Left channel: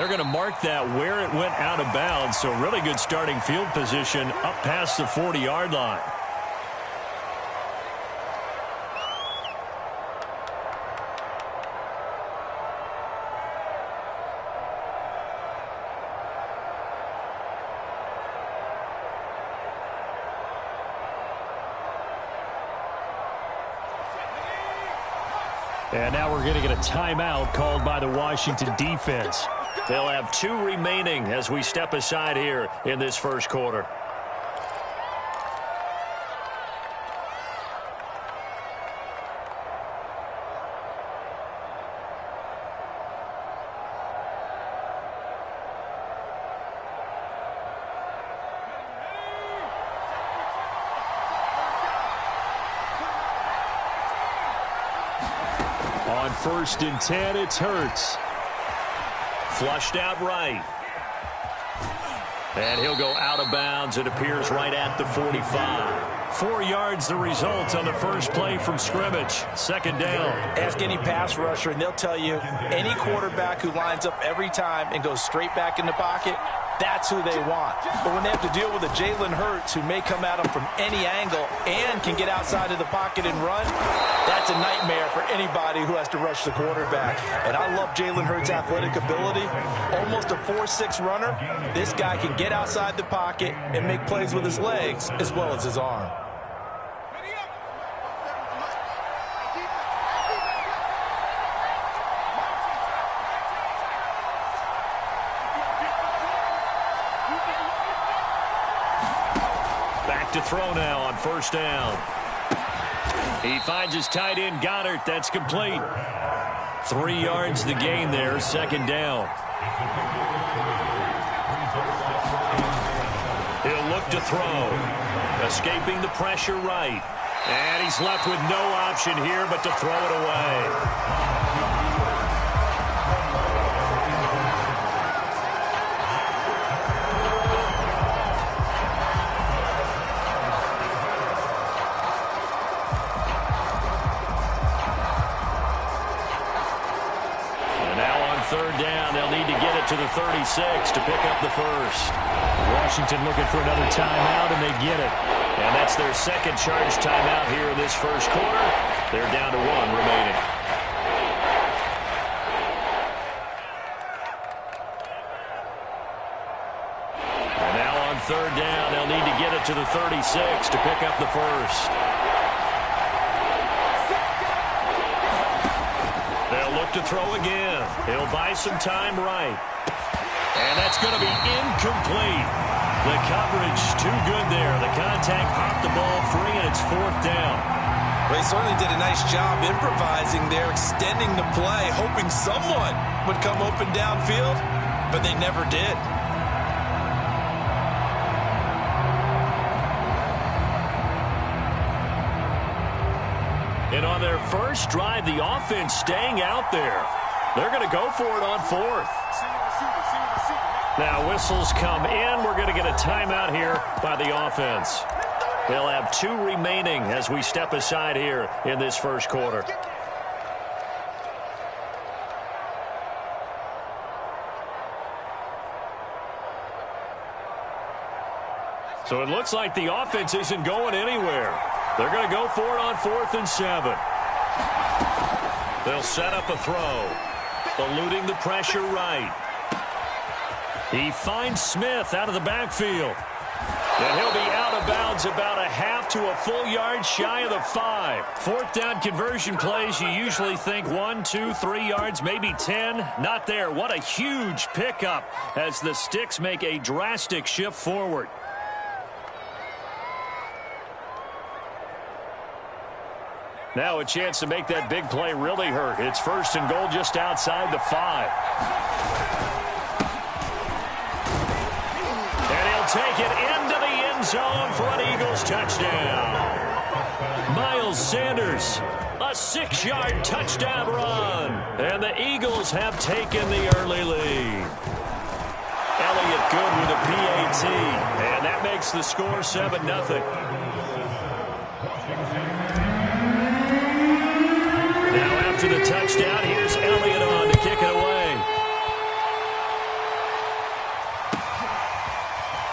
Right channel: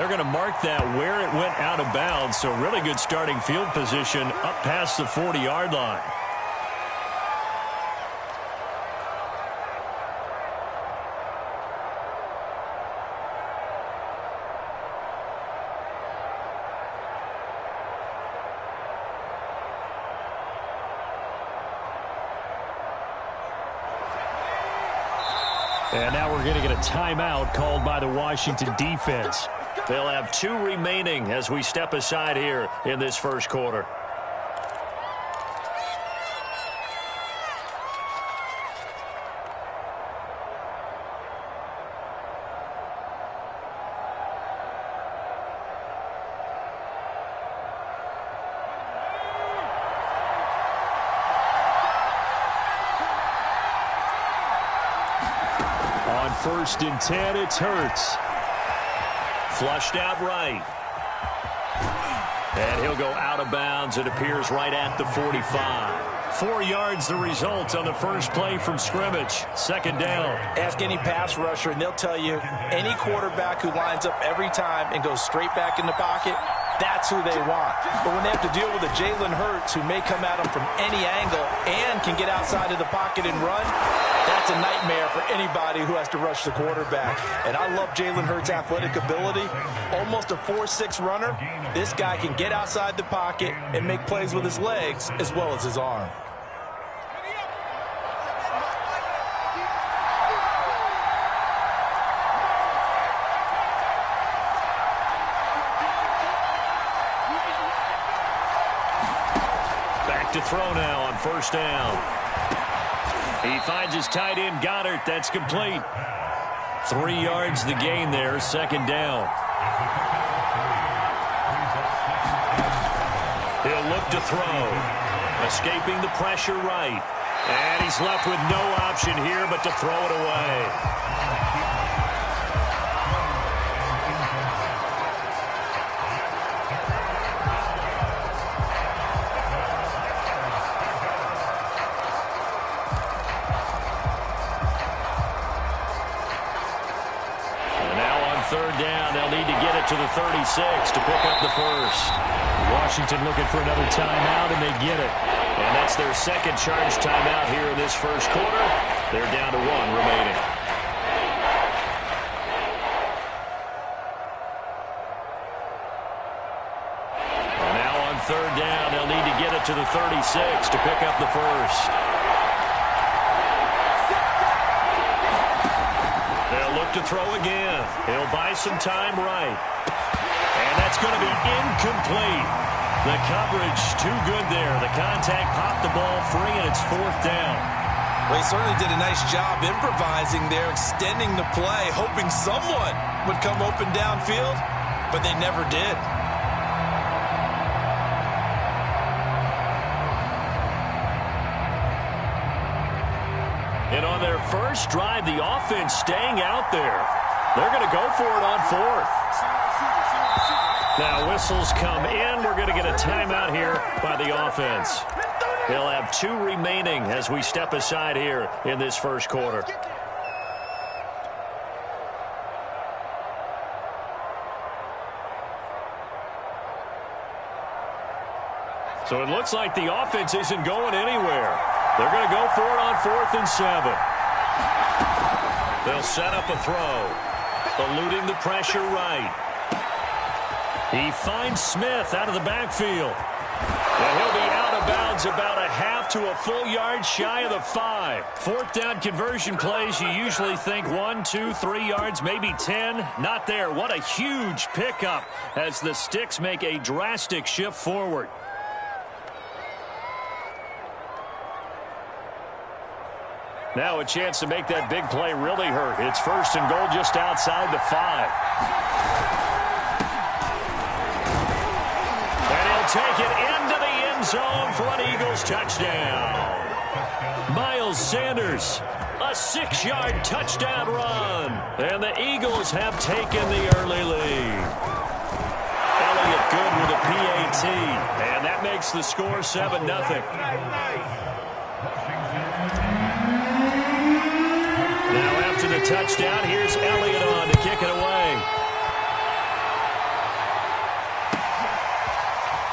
They're going to mark that where it went out of bounds, so really good starting field position up past the 40-yard line. And now we're going to get a timeout called by the Washington defense. They'll have 2 remaining as we step aside here in this first quarter. On 1st and 10, it's Hurts. Flushed out right. And he'll go out of bounds. It appears right at the 45. 4 yards the result on the first play from scrimmage. 2nd down. Ask any pass rusher, and they'll tell you any quarterback who lines up every time and goes straight back in the pocket, that's who they want. But when they have to deal with a Jalen Hurts who may come at them from any angle and can get outside of the pocket and run, that's a nightmare for anybody who has to rush the quarterback. And I love Jalen Hurts' athletic ability. Almost a 4.6 runner. This guy can get outside the pocket and make plays with his legs as well as his arm. Back to throw now on 1st down. He finds his tight end, Goddard. That's complete. 3 yards the gain there, 2nd down. He'll look to throw. Escaping the pressure right. And he's left with no option here but to throw it away. Down, they'll need to get it to the 36 to pick up the first. Washington looking for another timeout, and they get it. And that's their 2nd charge timeout here in this first quarter. They're down to 1 remaining. And now on 3rd down, they'll need to get it to the 36 to pick up the first. They'll look to throw again. He'll buy some time right. And that's going to be incomplete. The coverage too good there. The contact popped the ball free, and it's 4th down. Well, he certainly did a nice job improvising there, extending the play, hoping someone would come open downfield, but they never did. And on their first drive, the offense staying out there. They're going to go for it on 4th. Now whistles come in. We're going to get a timeout here by the offense. They'll have 2 remaining as we step aside here in this first quarter. So it looks like the offense isn't going anywhere. They're going to go for it on 4th and 7. They'll set up a throw. Eluding the pressure right. He finds Smith out of the backfield. And he'll be out of bounds about a half to a full yard shy of the 5. 4th down conversion plays, you usually think 1, 2, 3 yards, maybe 10. Not there. What a huge pickup as the Sticks make a drastic shift forward. Now a chance to make that big play really hurt. It's 1st and goal just outside the 5. And he'll take it into the end zone for an Eagles touchdown. Miles Sanders, a 6-yard touchdown run. And the Eagles have taken the early lead. Elliott good with a PAT. And that makes the score 7-0. Now after the touchdown, here's Elliott on to kick it away.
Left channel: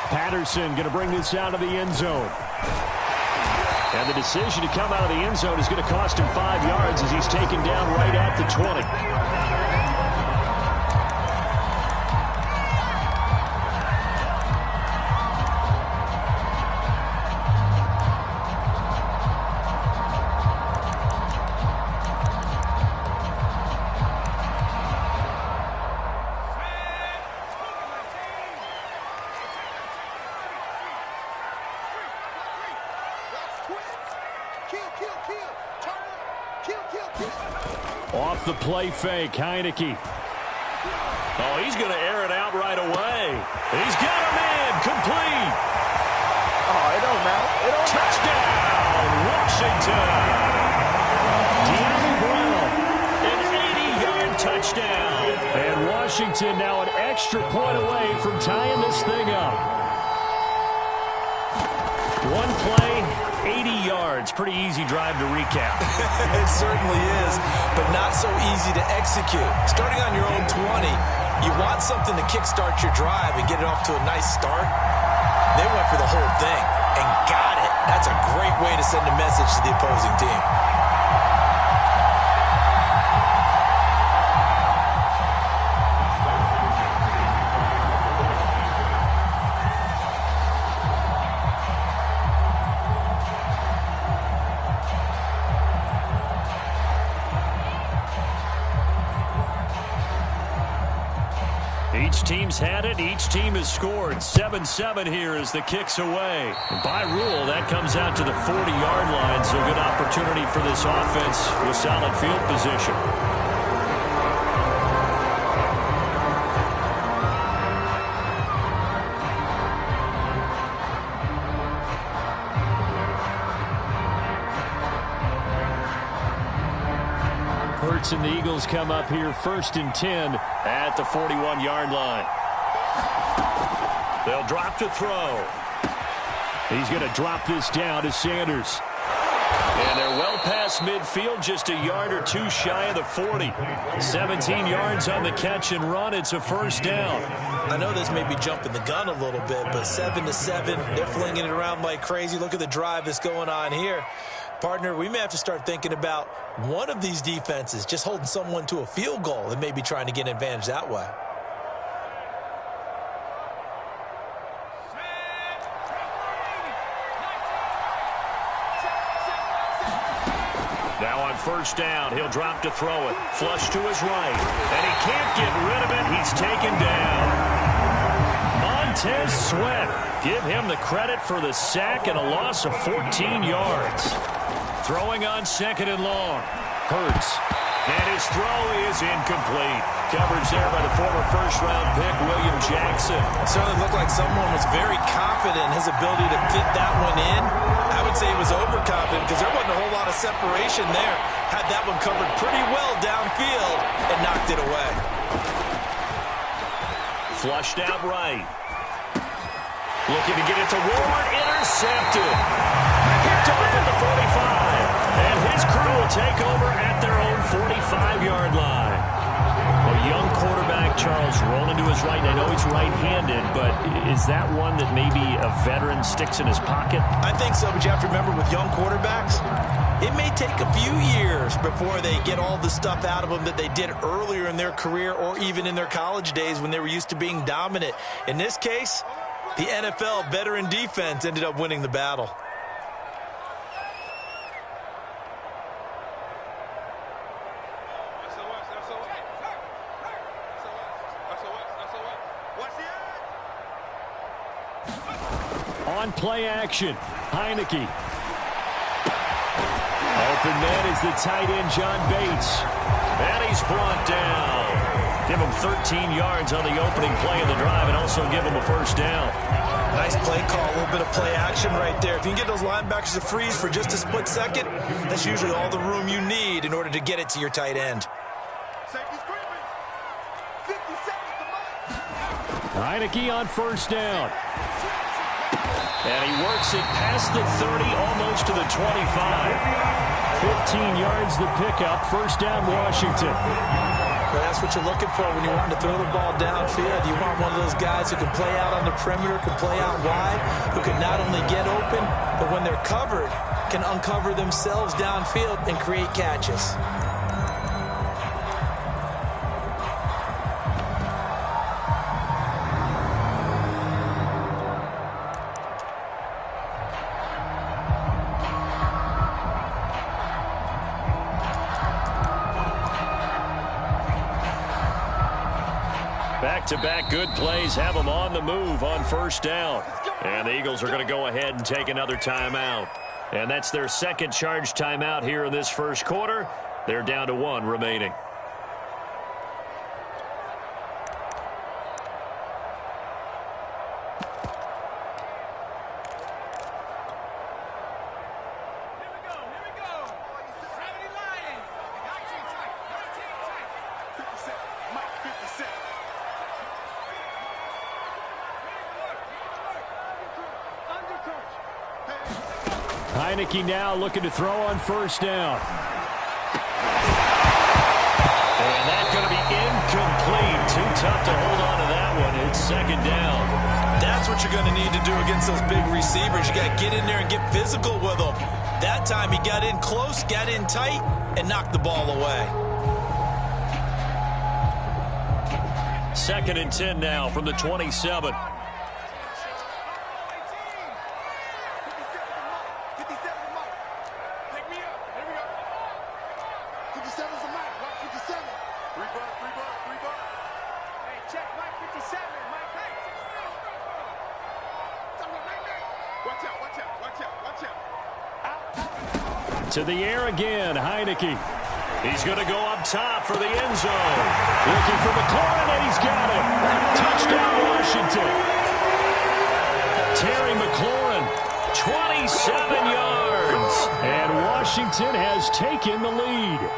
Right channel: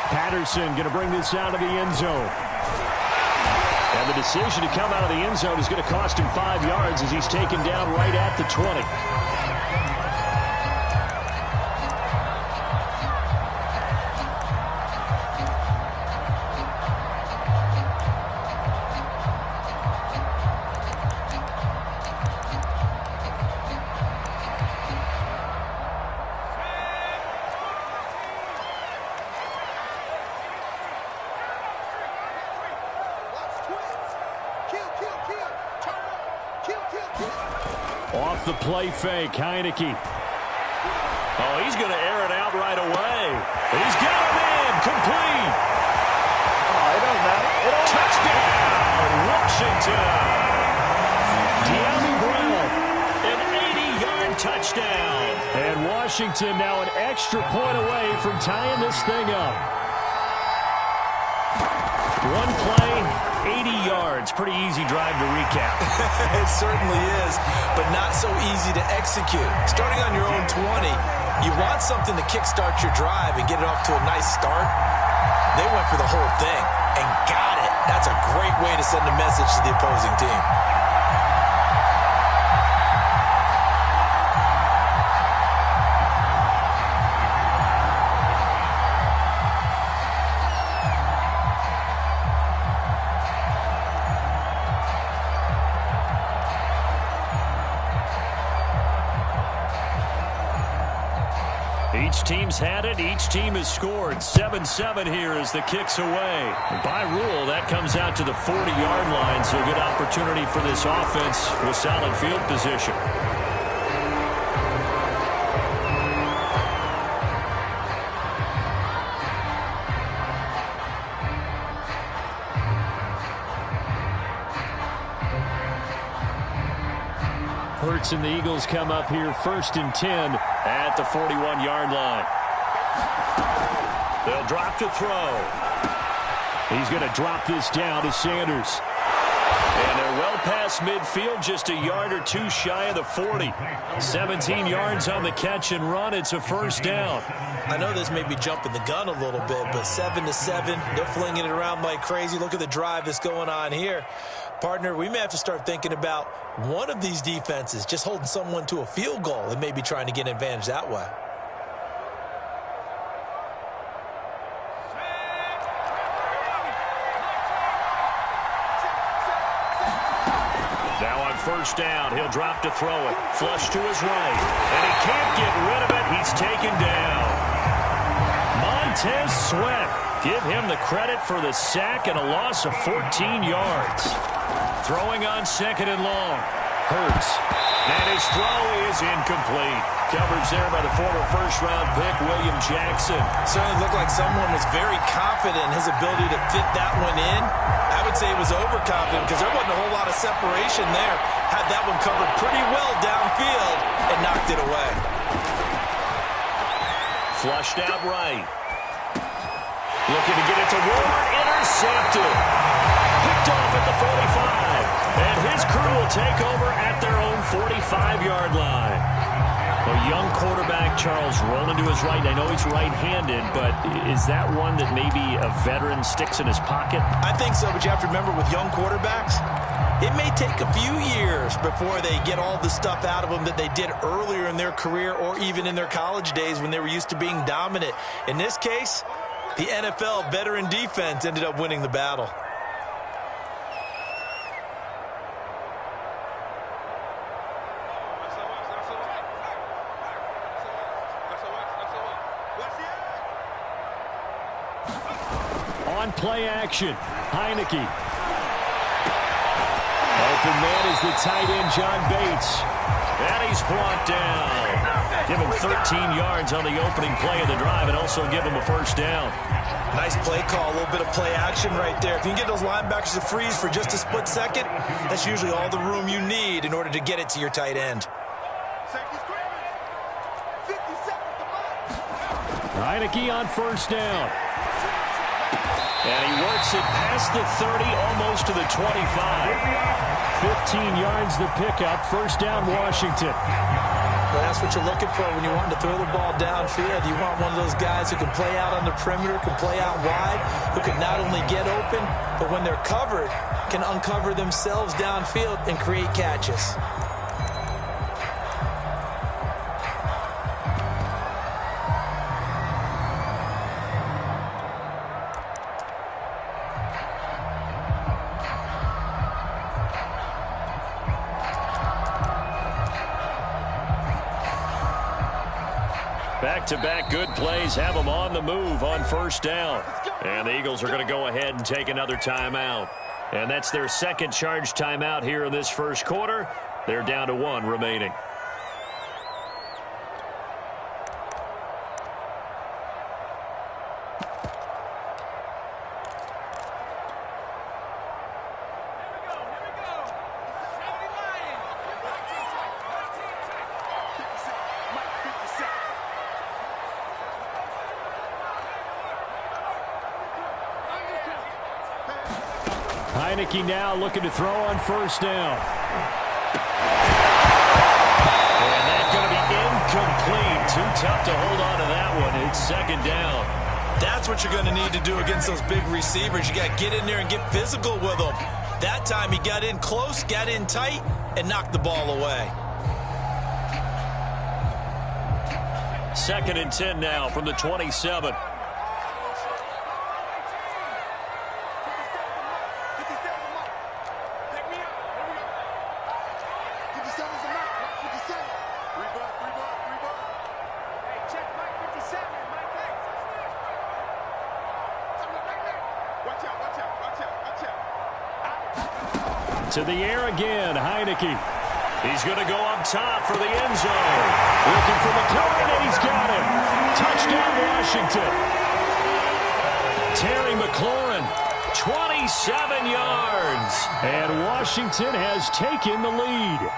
Patterson going to bring this out of the end zone. And the decision to come out of the end zone is going to cost him 5 yards as he's taken down right at the 20. Off the play fake, Heineke. Oh, he's going to air it out right away. He's got him in, complete. Oh, it don't matter. It don't Touchdown, Washington. De'Ami Brown, an 80-yard touchdown. And Washington now an extra point away from tying this thing up. One play, 80 yards. Pretty easy drive to recap. It certainly is, but not so easy to execute. Starting on your own 20, you want something to kickstart your drive and get it off to a nice start. They went for the whole thing and got it. That's a great way to send a message to the opposing team. Each team's had it. Each team has scored. 7-7 here as the kick's away. And by rule, that comes out to the 40-yard line, so good opportunity for this offense with solid field position. Hurts and the Eagles come up here 1st and 10 at the 41-yard line. They'll drop to throw. He's going to drop this down to Sanders. And they're well past midfield, just a yard or two shy of the 40. 17 yards on the catch and run. It's a first down. I know this may be jumping the gun a little bit, but 7-7, they're flinging it around like crazy. Look at the drive that's going on here. Partner, we may have to start thinking about one of these defenses just holding someone to a field goal and maybe trying to get an advantage that way. Now on first down, he'll drop to throw it. Flush to his right. And he can't get rid of it. He's taken down. Montez Sweat. Give him the credit for the sack and a loss of 14 yards. Throwing on 2nd and long. Hurts. And his throw is incomplete. Coverage there by the former first-round pick, William Jackson. Certainly looked like someone was very confident in his ability to fit that one in. I would say he was overconfident because there wasn't a whole lot of separation there. Had that one covered pretty well downfield and knocked it away. Flushed out right. Looking to get it to Ward. Intercepted. Picked off at the 45. And his crew will take over at their own 45-yard line. A young quarterback, Charles, rolling to his right. I know he's right-handed, but is that one that maybe a veteran sticks in his pocket? I think so, but you have to remember with young quarterbacks, it may take a few years before they get all the stuff out of them that they did earlier in their career or even in their college days when they were used to being dominant. In this case, the NFL veteran defense ended up winning the battle. On play action, Heineke. Open man is the tight end, John Bates. And he's brought down. Give him 13 yards on the opening play of the drive and also give him a first down. Nice play call, a little bit of play action right there. If you can get those linebackers to freeze for just a split second, that's usually all the room you need in order to get it to your tight end. Heineke on first down. And he works it past the 30, almost to the 25. 15 yards the pickup. First down, Washington. But that's what you're looking for when you want to throw the ball downfield. You want one of those guys who can play out on the perimeter, can play out wide, who can not only get open, but when they're covered, can uncover themselves downfield and create catches. Back-to-back good plays have them on the move on first down. And the Eagles are going to go ahead and take another timeout. And that's their second charge timeout here in this first quarter. They're down to 1 remaining. Heineke now looking to throw on first down. And that's going to be incomplete. Too tough to hold on to that one. It's second down. That's what you're going to need to do against those big receivers. You got to get in there and get physical with them. That time he got in close, got in tight, and knocked the ball away. 2nd and 10 now from the 27. To the air again, Heineke. He's going to go up top for the end zone. Looking for McLaurin, and he's got him. Touchdown, Washington. Terry McLaurin, 27 yards. And Washington has taken the lead.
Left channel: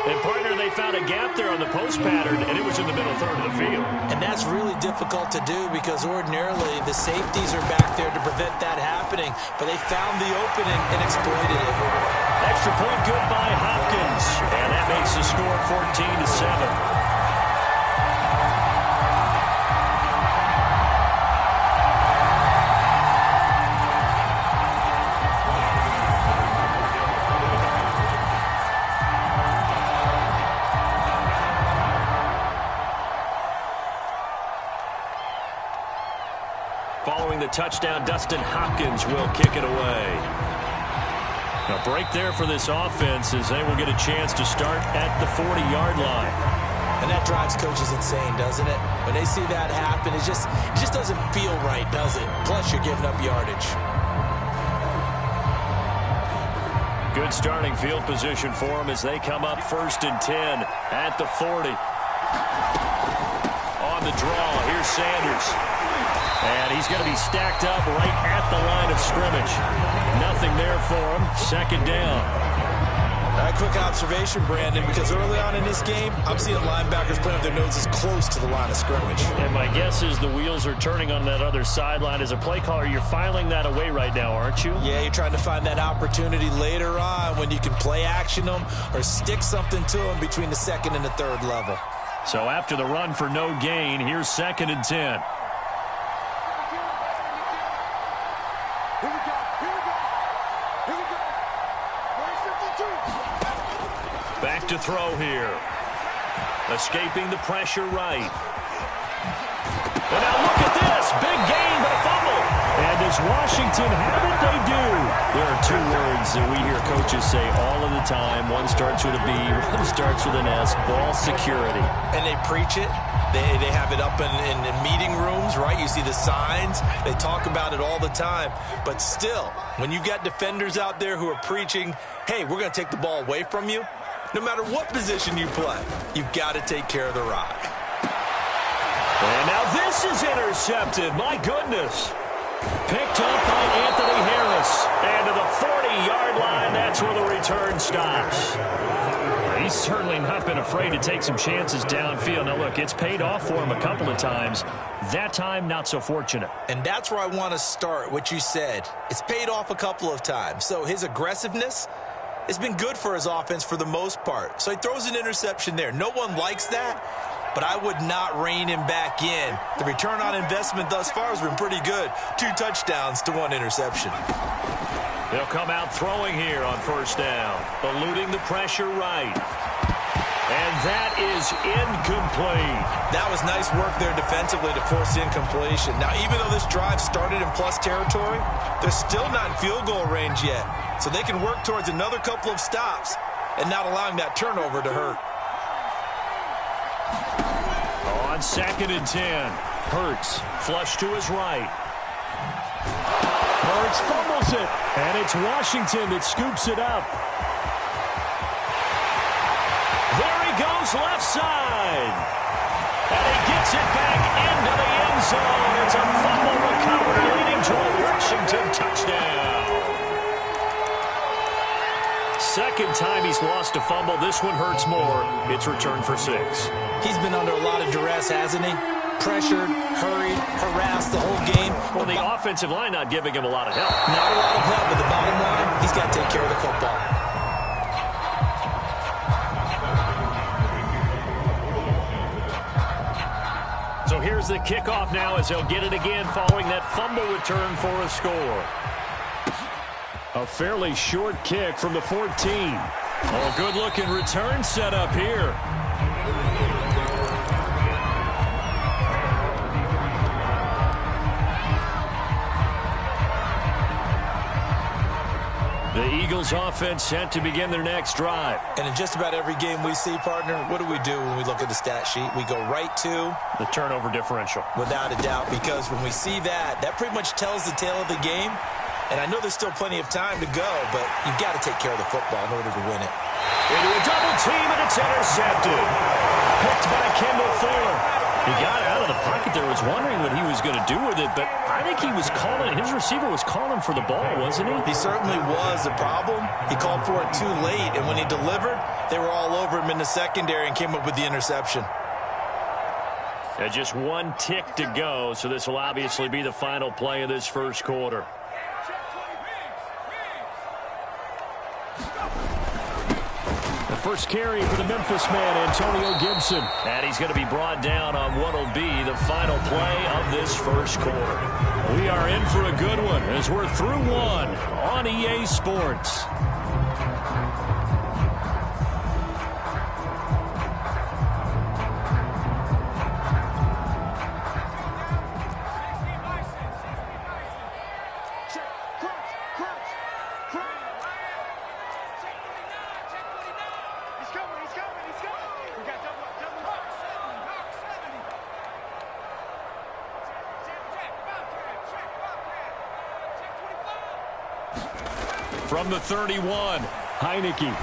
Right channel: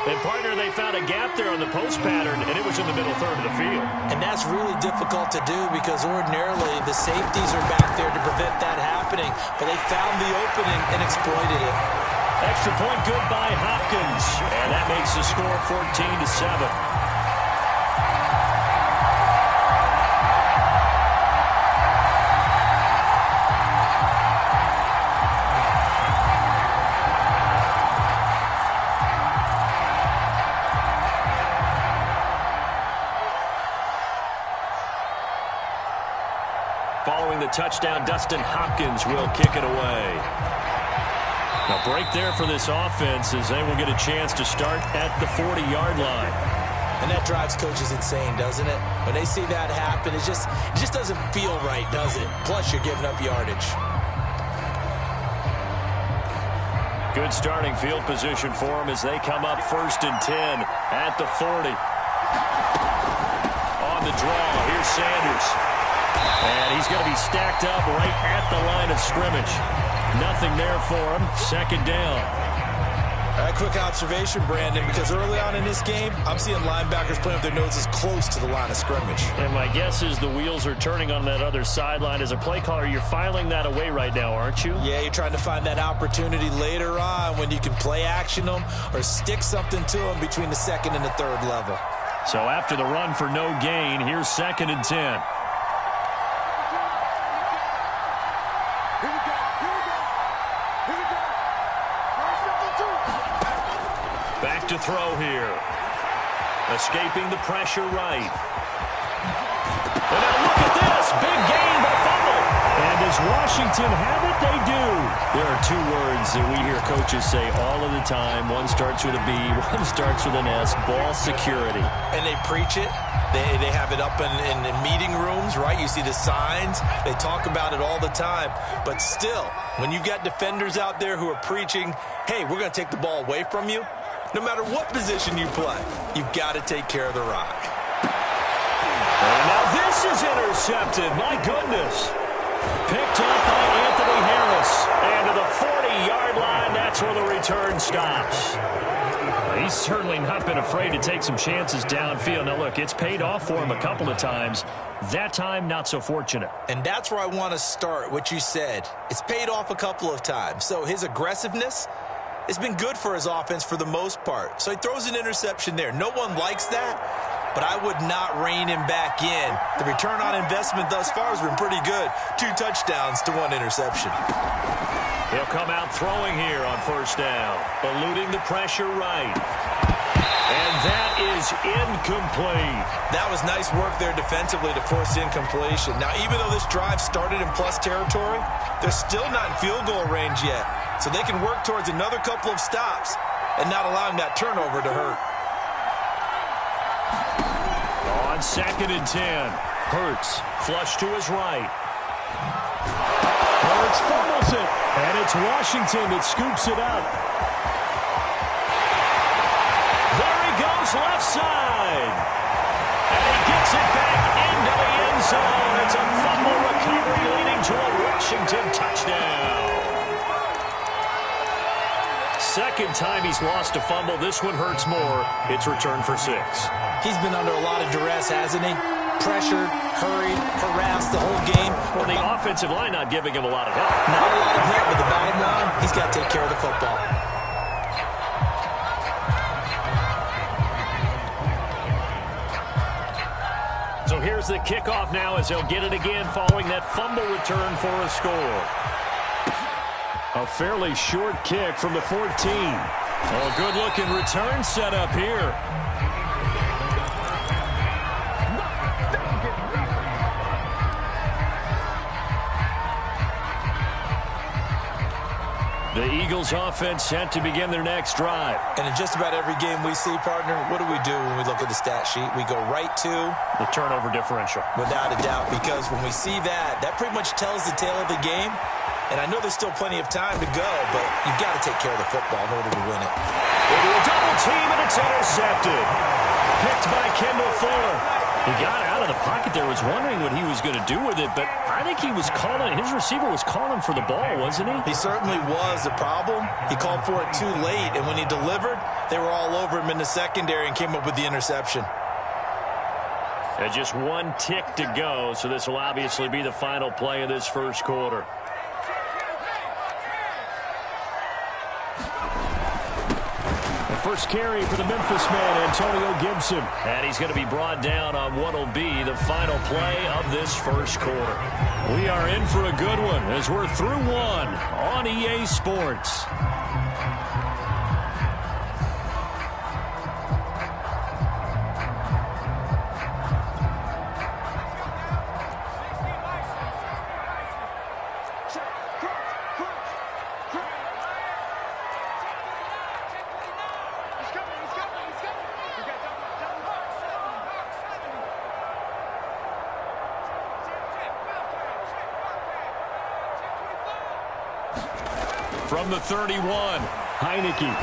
And, partner, they found a gap there on the post pattern, and it was in the middle third of the field. And that's really difficult to do because ordinarily the safeties are back there to prevent that happening. But they found the opening and exploited it. Extra point good by Hopkins. And that makes the score 14-7. Following the touchdown, Dustin Hopkins will kick it away. Now, break there for this offense as they will get a chance to start at the 40-yard line. And that drives coaches insane, doesn't it? When they see that happen, it just doesn't feel right, does it? Plus, you're giving up yardage. Good starting field position for them as they come up 1st and 10 at the 40. On the draw, here's Sanders. And he's going to be stacked up right at the line of scrimmage. Nothing there for him. 2nd down. All right, quick observation, Brandon, because early on in this game, I'm seeing linebackers playing with their noses close to the line of scrimmage. And my guess is the wheels are turning on that other sideline. As a play caller, you're filing that away right now, aren't you? Yeah, you're trying to find that opportunity later on when you can play action them or stick something to them between the 2nd and the 3rd level. So after the run for no gain, here's 2nd and 10. Back to throw here. Escaping the pressure right. And now look at this. Big gain, but a fumble. And does Washington have it? They do. There are 2 words that we hear coaches say all of the time. One starts with a B, one starts with an S. Ball security. And they preach it. They have it up in meeting rooms, right? You see the signs. They talk about it all the time. But still, when you've got defenders out there who are preaching, hey, we're going to take the ball away from you, no matter what position you play, you've got to take care of the rock. And now this is intercepted. My goodness. Picked up by Anthony Harris. And to the 40-yard line, that's where the return stops. He's certainly not been afraid to take some chances downfield. Now, look, it's paid off for him a couple of times. That time, not so fortunate. And that's where I want to start, what you said. It's paid off a couple of times. So his aggressiveness It's been good for his offense for the most part. So he throws an interception there. No one likes that, but I would not rein him back in. The return on investment thus far has been pretty good. 2 touchdowns to 1 interception. They'll come out throwing here on first down, eluding the pressure right. And that is incomplete. That was nice work there defensively to force the incompletion. Now, even though this drive started in plus territory, they're still not in field goal range yet. So they can work towards another couple of stops and not allowing that turnover to hurt. On 2nd and 10, Hurts flush to his right. Hurts fumbles it, and it's Washington that scoops it up. There he goes left side. And he gets it back into the end zone. It's a fumble recovery leading to a Washington touchdown. Second time he's lost a fumble. This one hurts more. It's returned for 6. He's been under a lot of duress, hasn't he? Pressured, hurried, harassed the whole game. Well, the offensive line not giving him a lot of help. Not a lot of help, but the bottom line, he's got to take care of the football. So here's the kickoff now as they'll get it again following that fumble return for a score. A fairly short kick from the 14. Oh, good-looking return set up here. The Eagles offense set to begin their next drive. And in just about every game we see, partner, what do we do when we look at the stat sheet? We go right to the turnover differential. Without a doubt, because when we see that, that pretty much tells the tale of the game. And I know there's still plenty of time to go, but you've got to take care of the football in order to win it. Into a double team, and it's intercepted. Picked by Kendall Fuller. He got out of the pocket there, was wondering what he was going to do with it, but I think he was calling, his receiver was calling for the ball, wasn't he? He certainly was. The problem, he called for it too late, and when he delivered, they were all over him in the secondary and came up with the interception. And just 1 tick to go, so this will obviously be the final play of this first quarter. First carry for the Memphis man, Antonio Gibson. And he's going to be brought down on what will be the final play of this first quarter. We are in for a good one as we're through 1 on EA Sports. From the 31, Heineke. And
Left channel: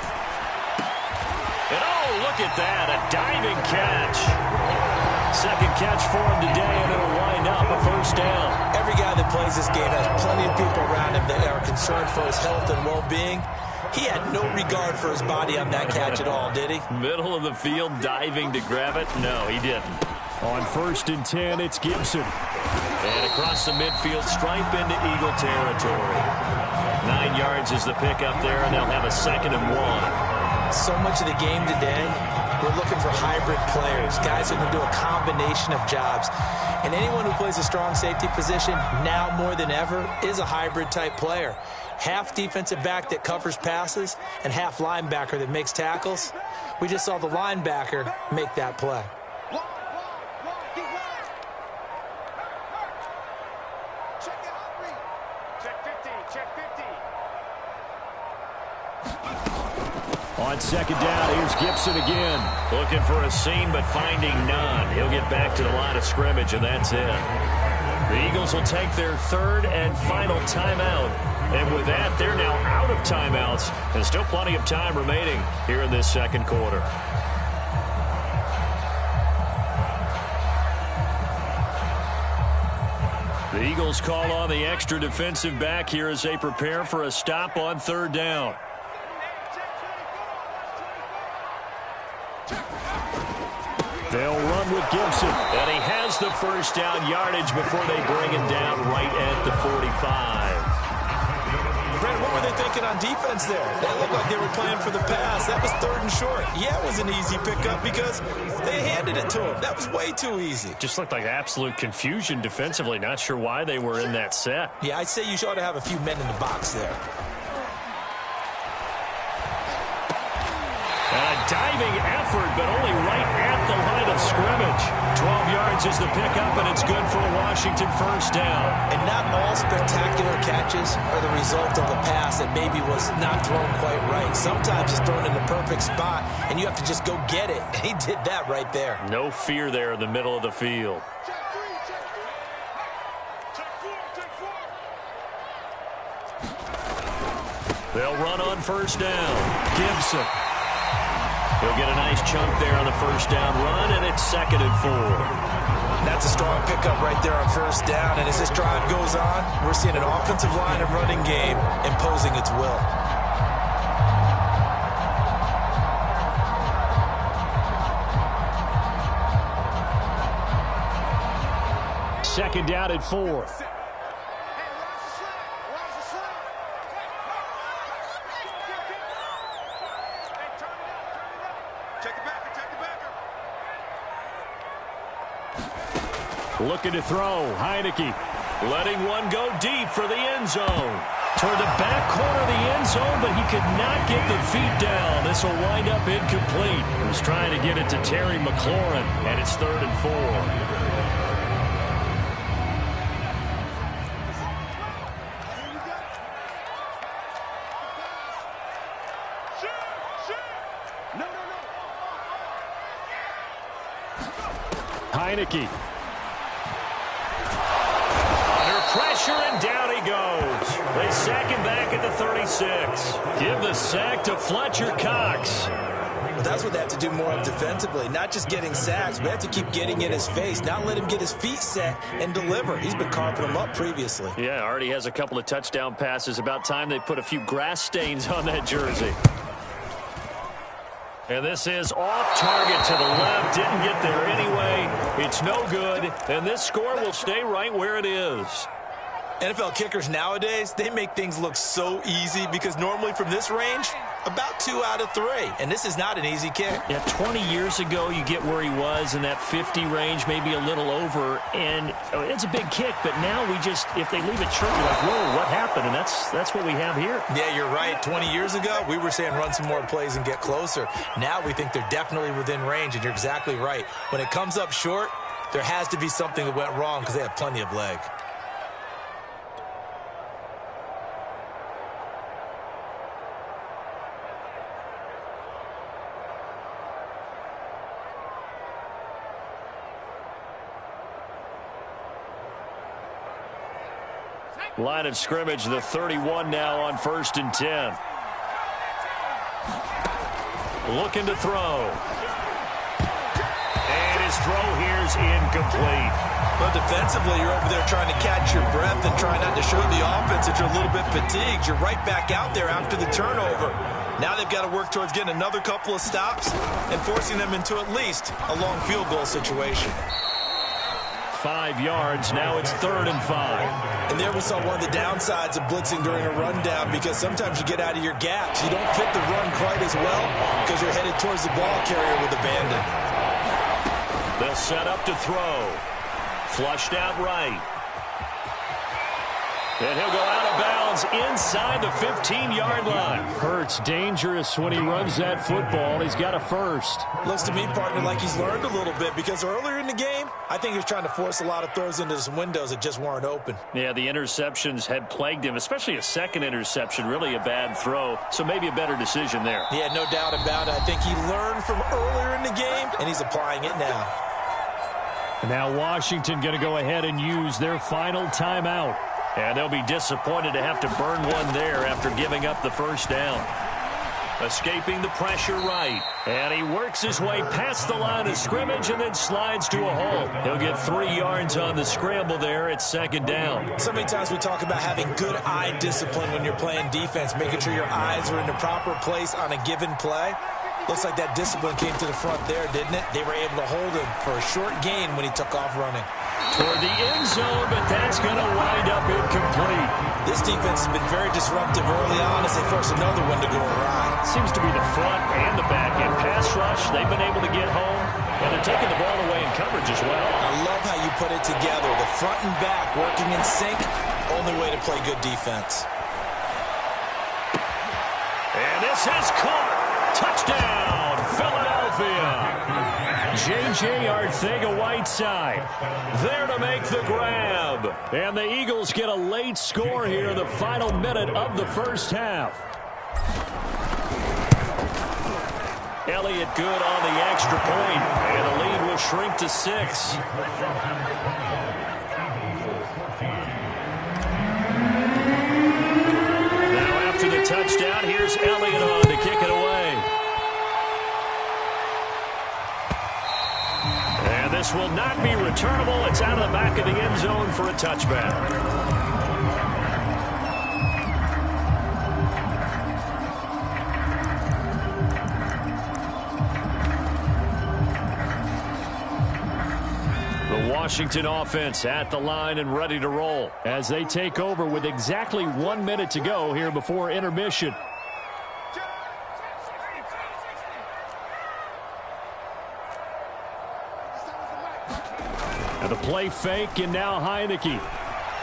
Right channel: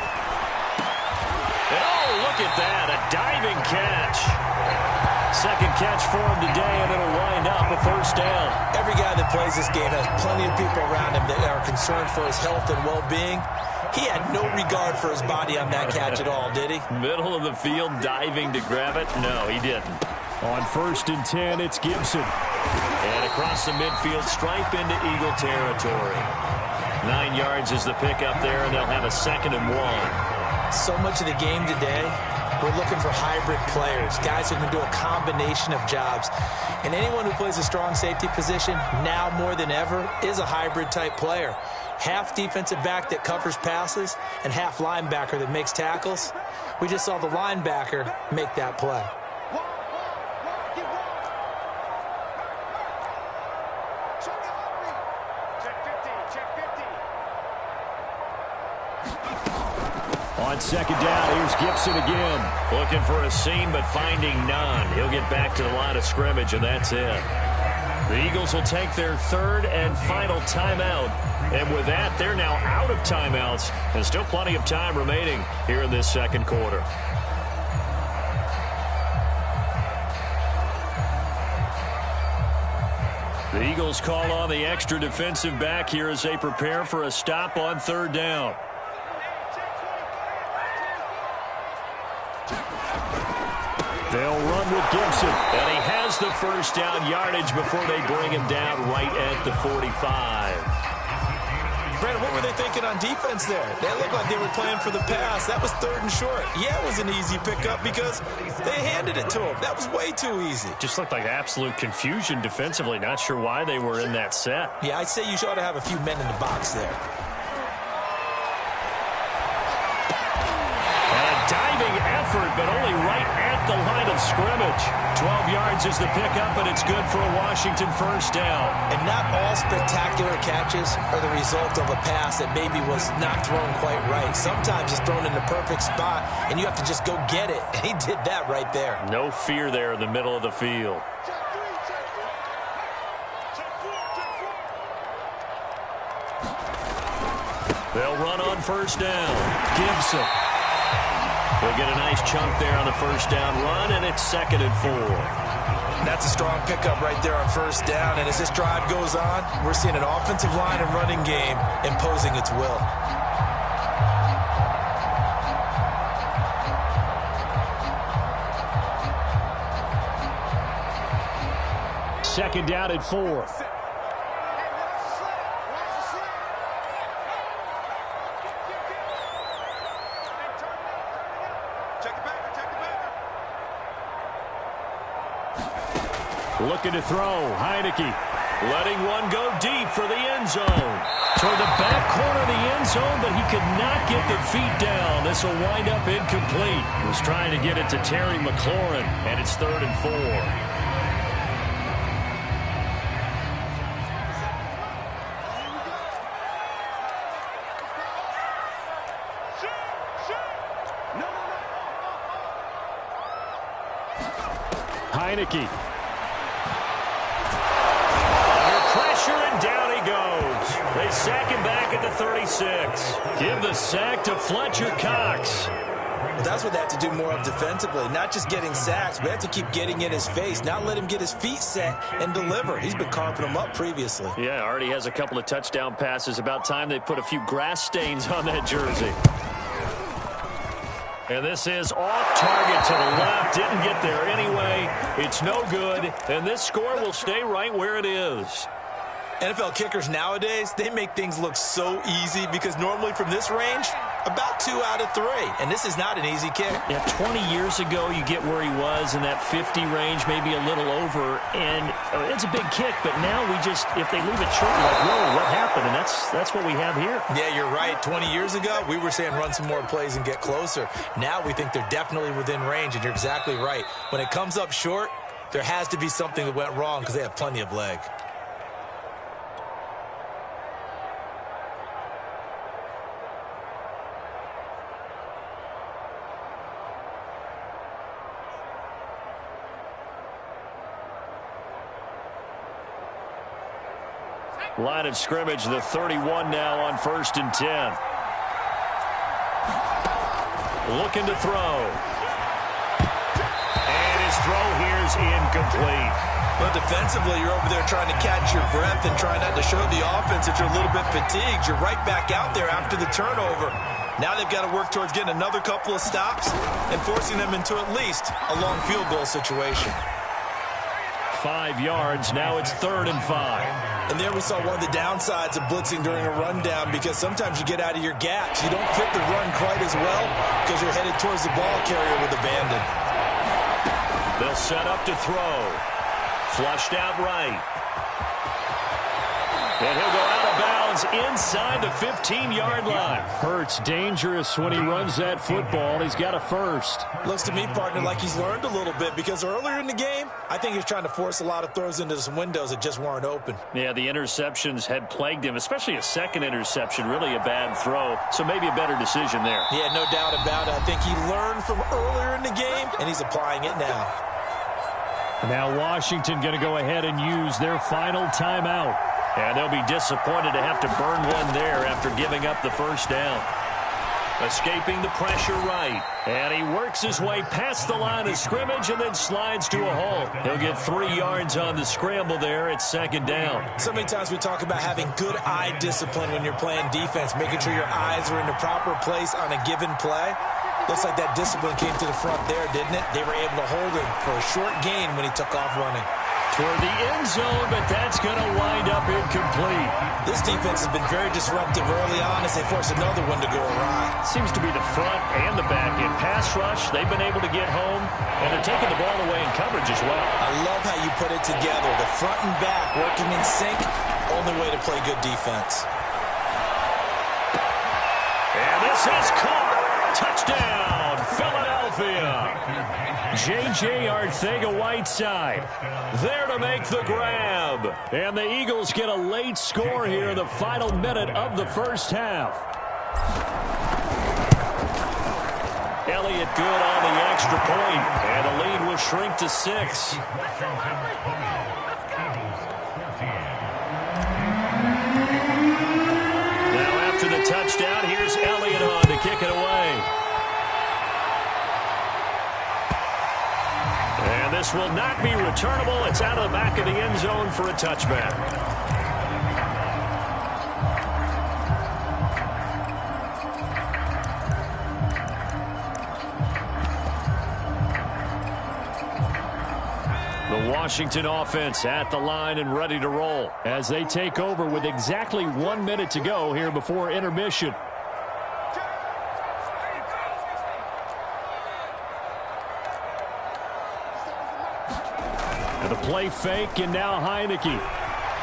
oh, look at that, a diving catch. Second catch for him today, and it'll wind up a first down. Every guy that plays this game has plenty of people around him that are concerned for his health and well-being. He had no regard for his body on that catch at all, did he? Middle of the field, diving to grab it? No, he didn't. On 1st and 10, it's Gibson. And across the midfield stripe into Eagle territory. 9 yards is the pickup there, and they'll have a 2nd and 1. So much of the game today, we're looking for hybrid players, guys who can do a combination of jobs. And anyone who plays a strong safety position, now more than ever, is a hybrid-type player. Half defensive back that covers passes and half linebacker that makes tackles. We just saw the linebacker make that play. On 2nd down, here's Gibson again. Looking for a seam, but finding none. He'll get back to the line of scrimmage, and that's it. The Eagles will take their 3rd and final timeout. And with that, they're now out of timeouts. And still plenty of time remaining here in this second quarter. The Eagles call on the extra defensive back here as they prepare for a stop on 3rd down. They'll run with Gibson. And he has the first down yardage before they bring him down right at the 45. Brandon, what were they thinking on defense there? They looked like they were playing for the pass. That was 3rd and short. Yeah, it was an easy pickup because they handed it to him. That was way too easy. Just looked like absolute confusion defensively. Not sure why they were in that set. Yeah, I'd say you ought to have a few men in the box there. And a diving effort, but only right at the line of scrimmage. 12 yards is the pickup, and it's good for a Washington first down. And not all spectacular catches are the result of a pass that maybe was not thrown quite right. Sometimes it's thrown in the perfect spot, and you have to just go get it. And he did that right there. No fear there in the middle of the field. They'll run on first down. Gibson. He'll get a nice chunk there on the first down run, and it's 2nd and 4. That's a strong pickup right there on first down. And as this drive goes on, we're seeing an offensive line and running game imposing its will. Second down at 4. Looking to throw. Heineke letting one go deep for the end zone. Toward the back corner of the end zone, but he could not get the feet down. This will wind up incomplete. He was trying to get it to Terry McLaurin, and it's 3rd and 4. Heineke. Under pressure, and down he goes. They sack him back at the 36. Give the sack to Fletcher Cox. Well, that's what they have to do more of defensively. Not just getting sacks, but they have to keep getting in his face. Not let him get his feet set and deliver. He's been carping them up previously. Yeah, already has a couple of touchdown passes. About time they put a few grass stains on that jersey. And this is off target to the left. Didn't get there anyway. It's no good. And this score will stay right where it is. NFL kickers nowadays, they make things look so easy because normally from this range, about 2 out of 3. And this is not an easy kick. Yeah, 20 years ago, you get where he was in that 50 range, maybe a little over. And it's a big kick, but now we just, if they leave it short, you're like, whoa, what happened? And that's what we have here. Yeah, you're right. 20 years ago, we were saying run some more plays and get closer. Now we think they're definitely within range, and you're exactly right. When it comes up short, there has to be something that went wrong because they have plenty of leg. Line of scrimmage, the 31 now on 1st and 10. Looking to throw. And his throw here's incomplete. But defensively, you're over there trying to catch your breath and try not to show the offense that you're a little bit fatigued. You're right back out there after the turnover. Now they've got to work towards getting another couple of stops and forcing them into at least a long field goal situation. 5 yards. Now it's 3rd and 5. And there we saw one of the downsides of blitzing during a rundown because sometimes you get out of your gaps. You don't fit the run quite as well because you're headed towards the ball carrier with abandon. They'll set up to throw. Flushed out right. And he'll go out of bounds inside the 15-yard line. Hurts dangerous when he runs that football. He's got a first. Looks to me, partner, like he's learned a little bit because earlier in the game, I think he was trying to force a lot of throws into some windows that just weren't open. Yeah, the interceptions had plagued him, especially a second interception, really a bad throw. So maybe a better decision there. Yeah, no doubt about it. I think he learned from earlier in the game, and he's applying it now. Now Washington going to go ahead and use their final timeout. And they'll be disappointed to have to burn one there after giving up the first down. Escaping the pressure right. And he works his way past the line of scrimmage and then slides to a halt. He'll get 3 yards on the scramble there at 2nd down. So many times we talk about having good eye discipline when you're playing defense, making sure your eyes are in the proper place on a given play. Looks like that discipline came to the front there, didn't it? They were able to hold him for a short gain when he took off running. toward the end zone, but that's going to wind up incomplete. This defense has been very disruptive early on as they force another one to go awry. Seems to be the front and the back end. Pass rush, they've been able to get home, and they're taking the ball away in coverage as well. I love how you put it together. The front and back working in sync, only way to play good defense. And this is caught. Touchdown, Philadelphia. J.J. Arcega-Whiteside there to make the grab. And the Eagles get a late score here in the final minute of the first half. Elliott good on the extra point, and the lead will shrink to 6. Now after the touchdown, here's Elliott on to kick it away. And this will not be returnable. It's out of the back of the end zone for a touchback. The Washington offense at the line and ready to roll as they take over with exactly 1 minute to go here before intermission. And the play fake, and now Heineke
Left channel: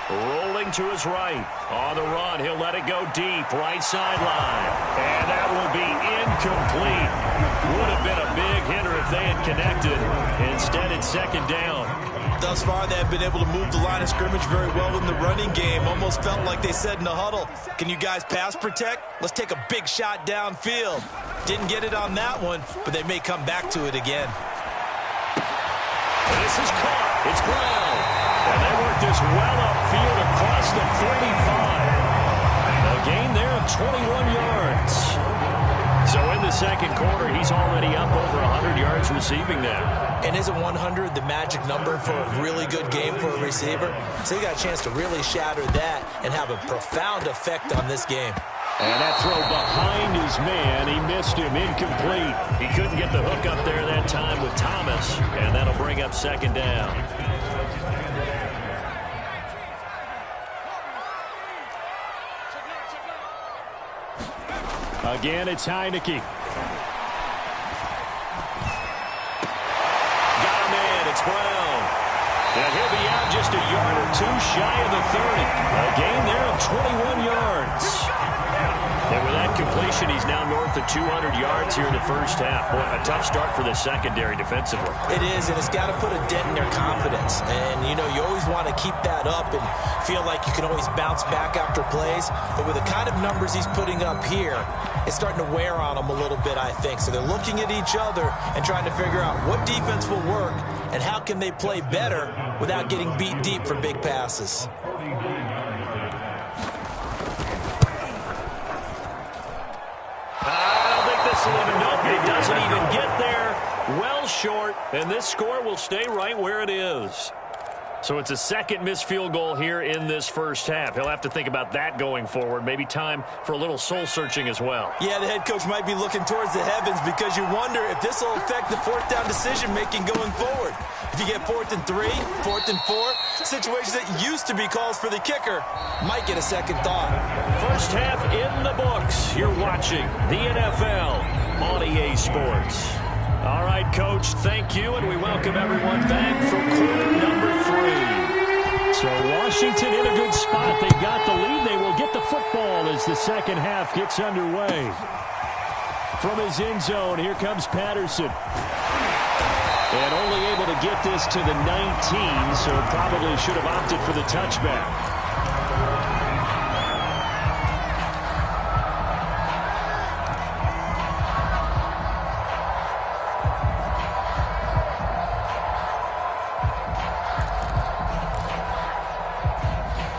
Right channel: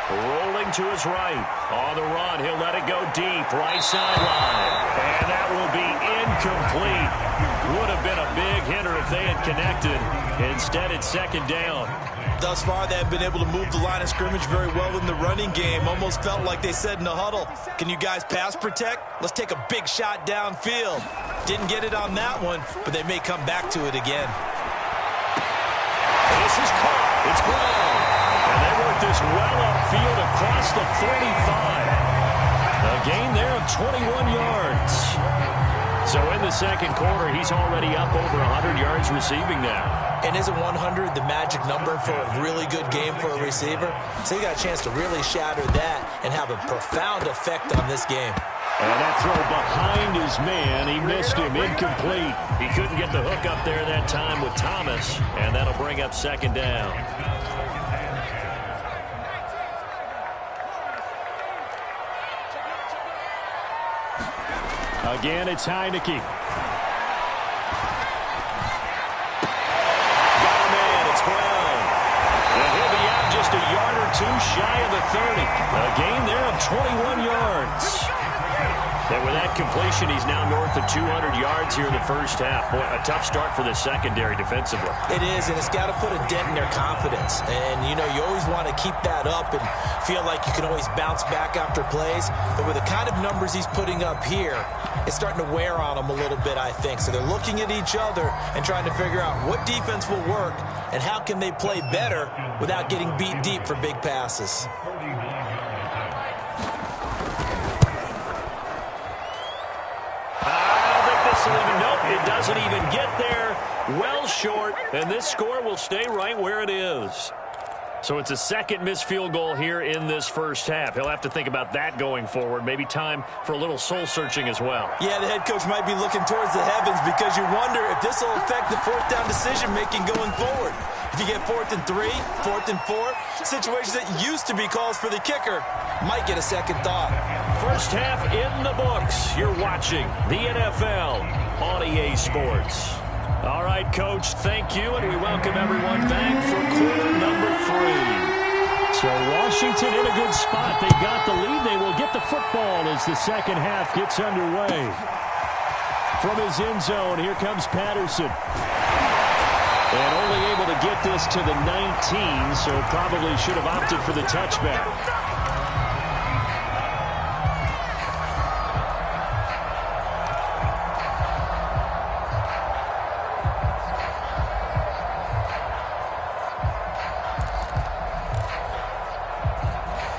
rolling to his right. On the run, he'll let it go deep, right sideline. And that will be incomplete. Would have been a big hitter if they had connected. Instead, it's second down. Thus far, they have been able to move the line of scrimmage very well in the running game. Almost felt like they said in the huddle, can you guys pass protect? Let's take a big shot downfield. Didn't get it on that one, but they may come back to it again. This is caught. It's Brown. And they work this well upfield across the 45. A gain there of 21 yards. So in the second quarter, he's already up over 100 yards receiving now. And isn't 100 the magic number for a really good game for a receiver? So he got a chance to really shatter that and have a profound effect on this game. And that throw behind his man, he missed him, incomplete. He couldn't get the hook up there that time with Thomas, and that'll bring up second down. Again, it's Heineke. Got a man, it's Brown. And he'll be out just a yard or two shy of the 30. A gain there of 21 yards. And with that completion, he's now north of 200 yards here in the first half. Boy, a tough start for the secondary defensively. It is, and it's got to put a dent in their confidence. And, you know, you always want to keep that up and feel like you can always bounce back after plays. But with the kind of numbers he's putting up here, it's starting to wear on them a little bit, I think. So they're looking at each other and trying to figure out what defense will work and how can they play better without getting beat deep for big passes. Nope, it doesn't even get there. Well short, and this score will stay right where it is. So it's a second missed field goal here in this first half. He'll have to think about that going forward. Maybe time for a little soul-searching as well. Yeah, the head coach might be looking towards the heavens because you wonder if this will affect the fourth down decision-making going forward. If you get 4th and 3, 4th and 4, situations that used to be calls for the kicker might get a second thought. First half in the books. You're watching the NFL on EA Sports. All right, Coach, thank you, and we welcome everyone back for quarter number 3. So Washington in a good spot. They got the lead. They will get the football as the second half gets underway. From his end zone, here comes Patterson. And only able to get this to the 19, so probably should have opted for the touchback.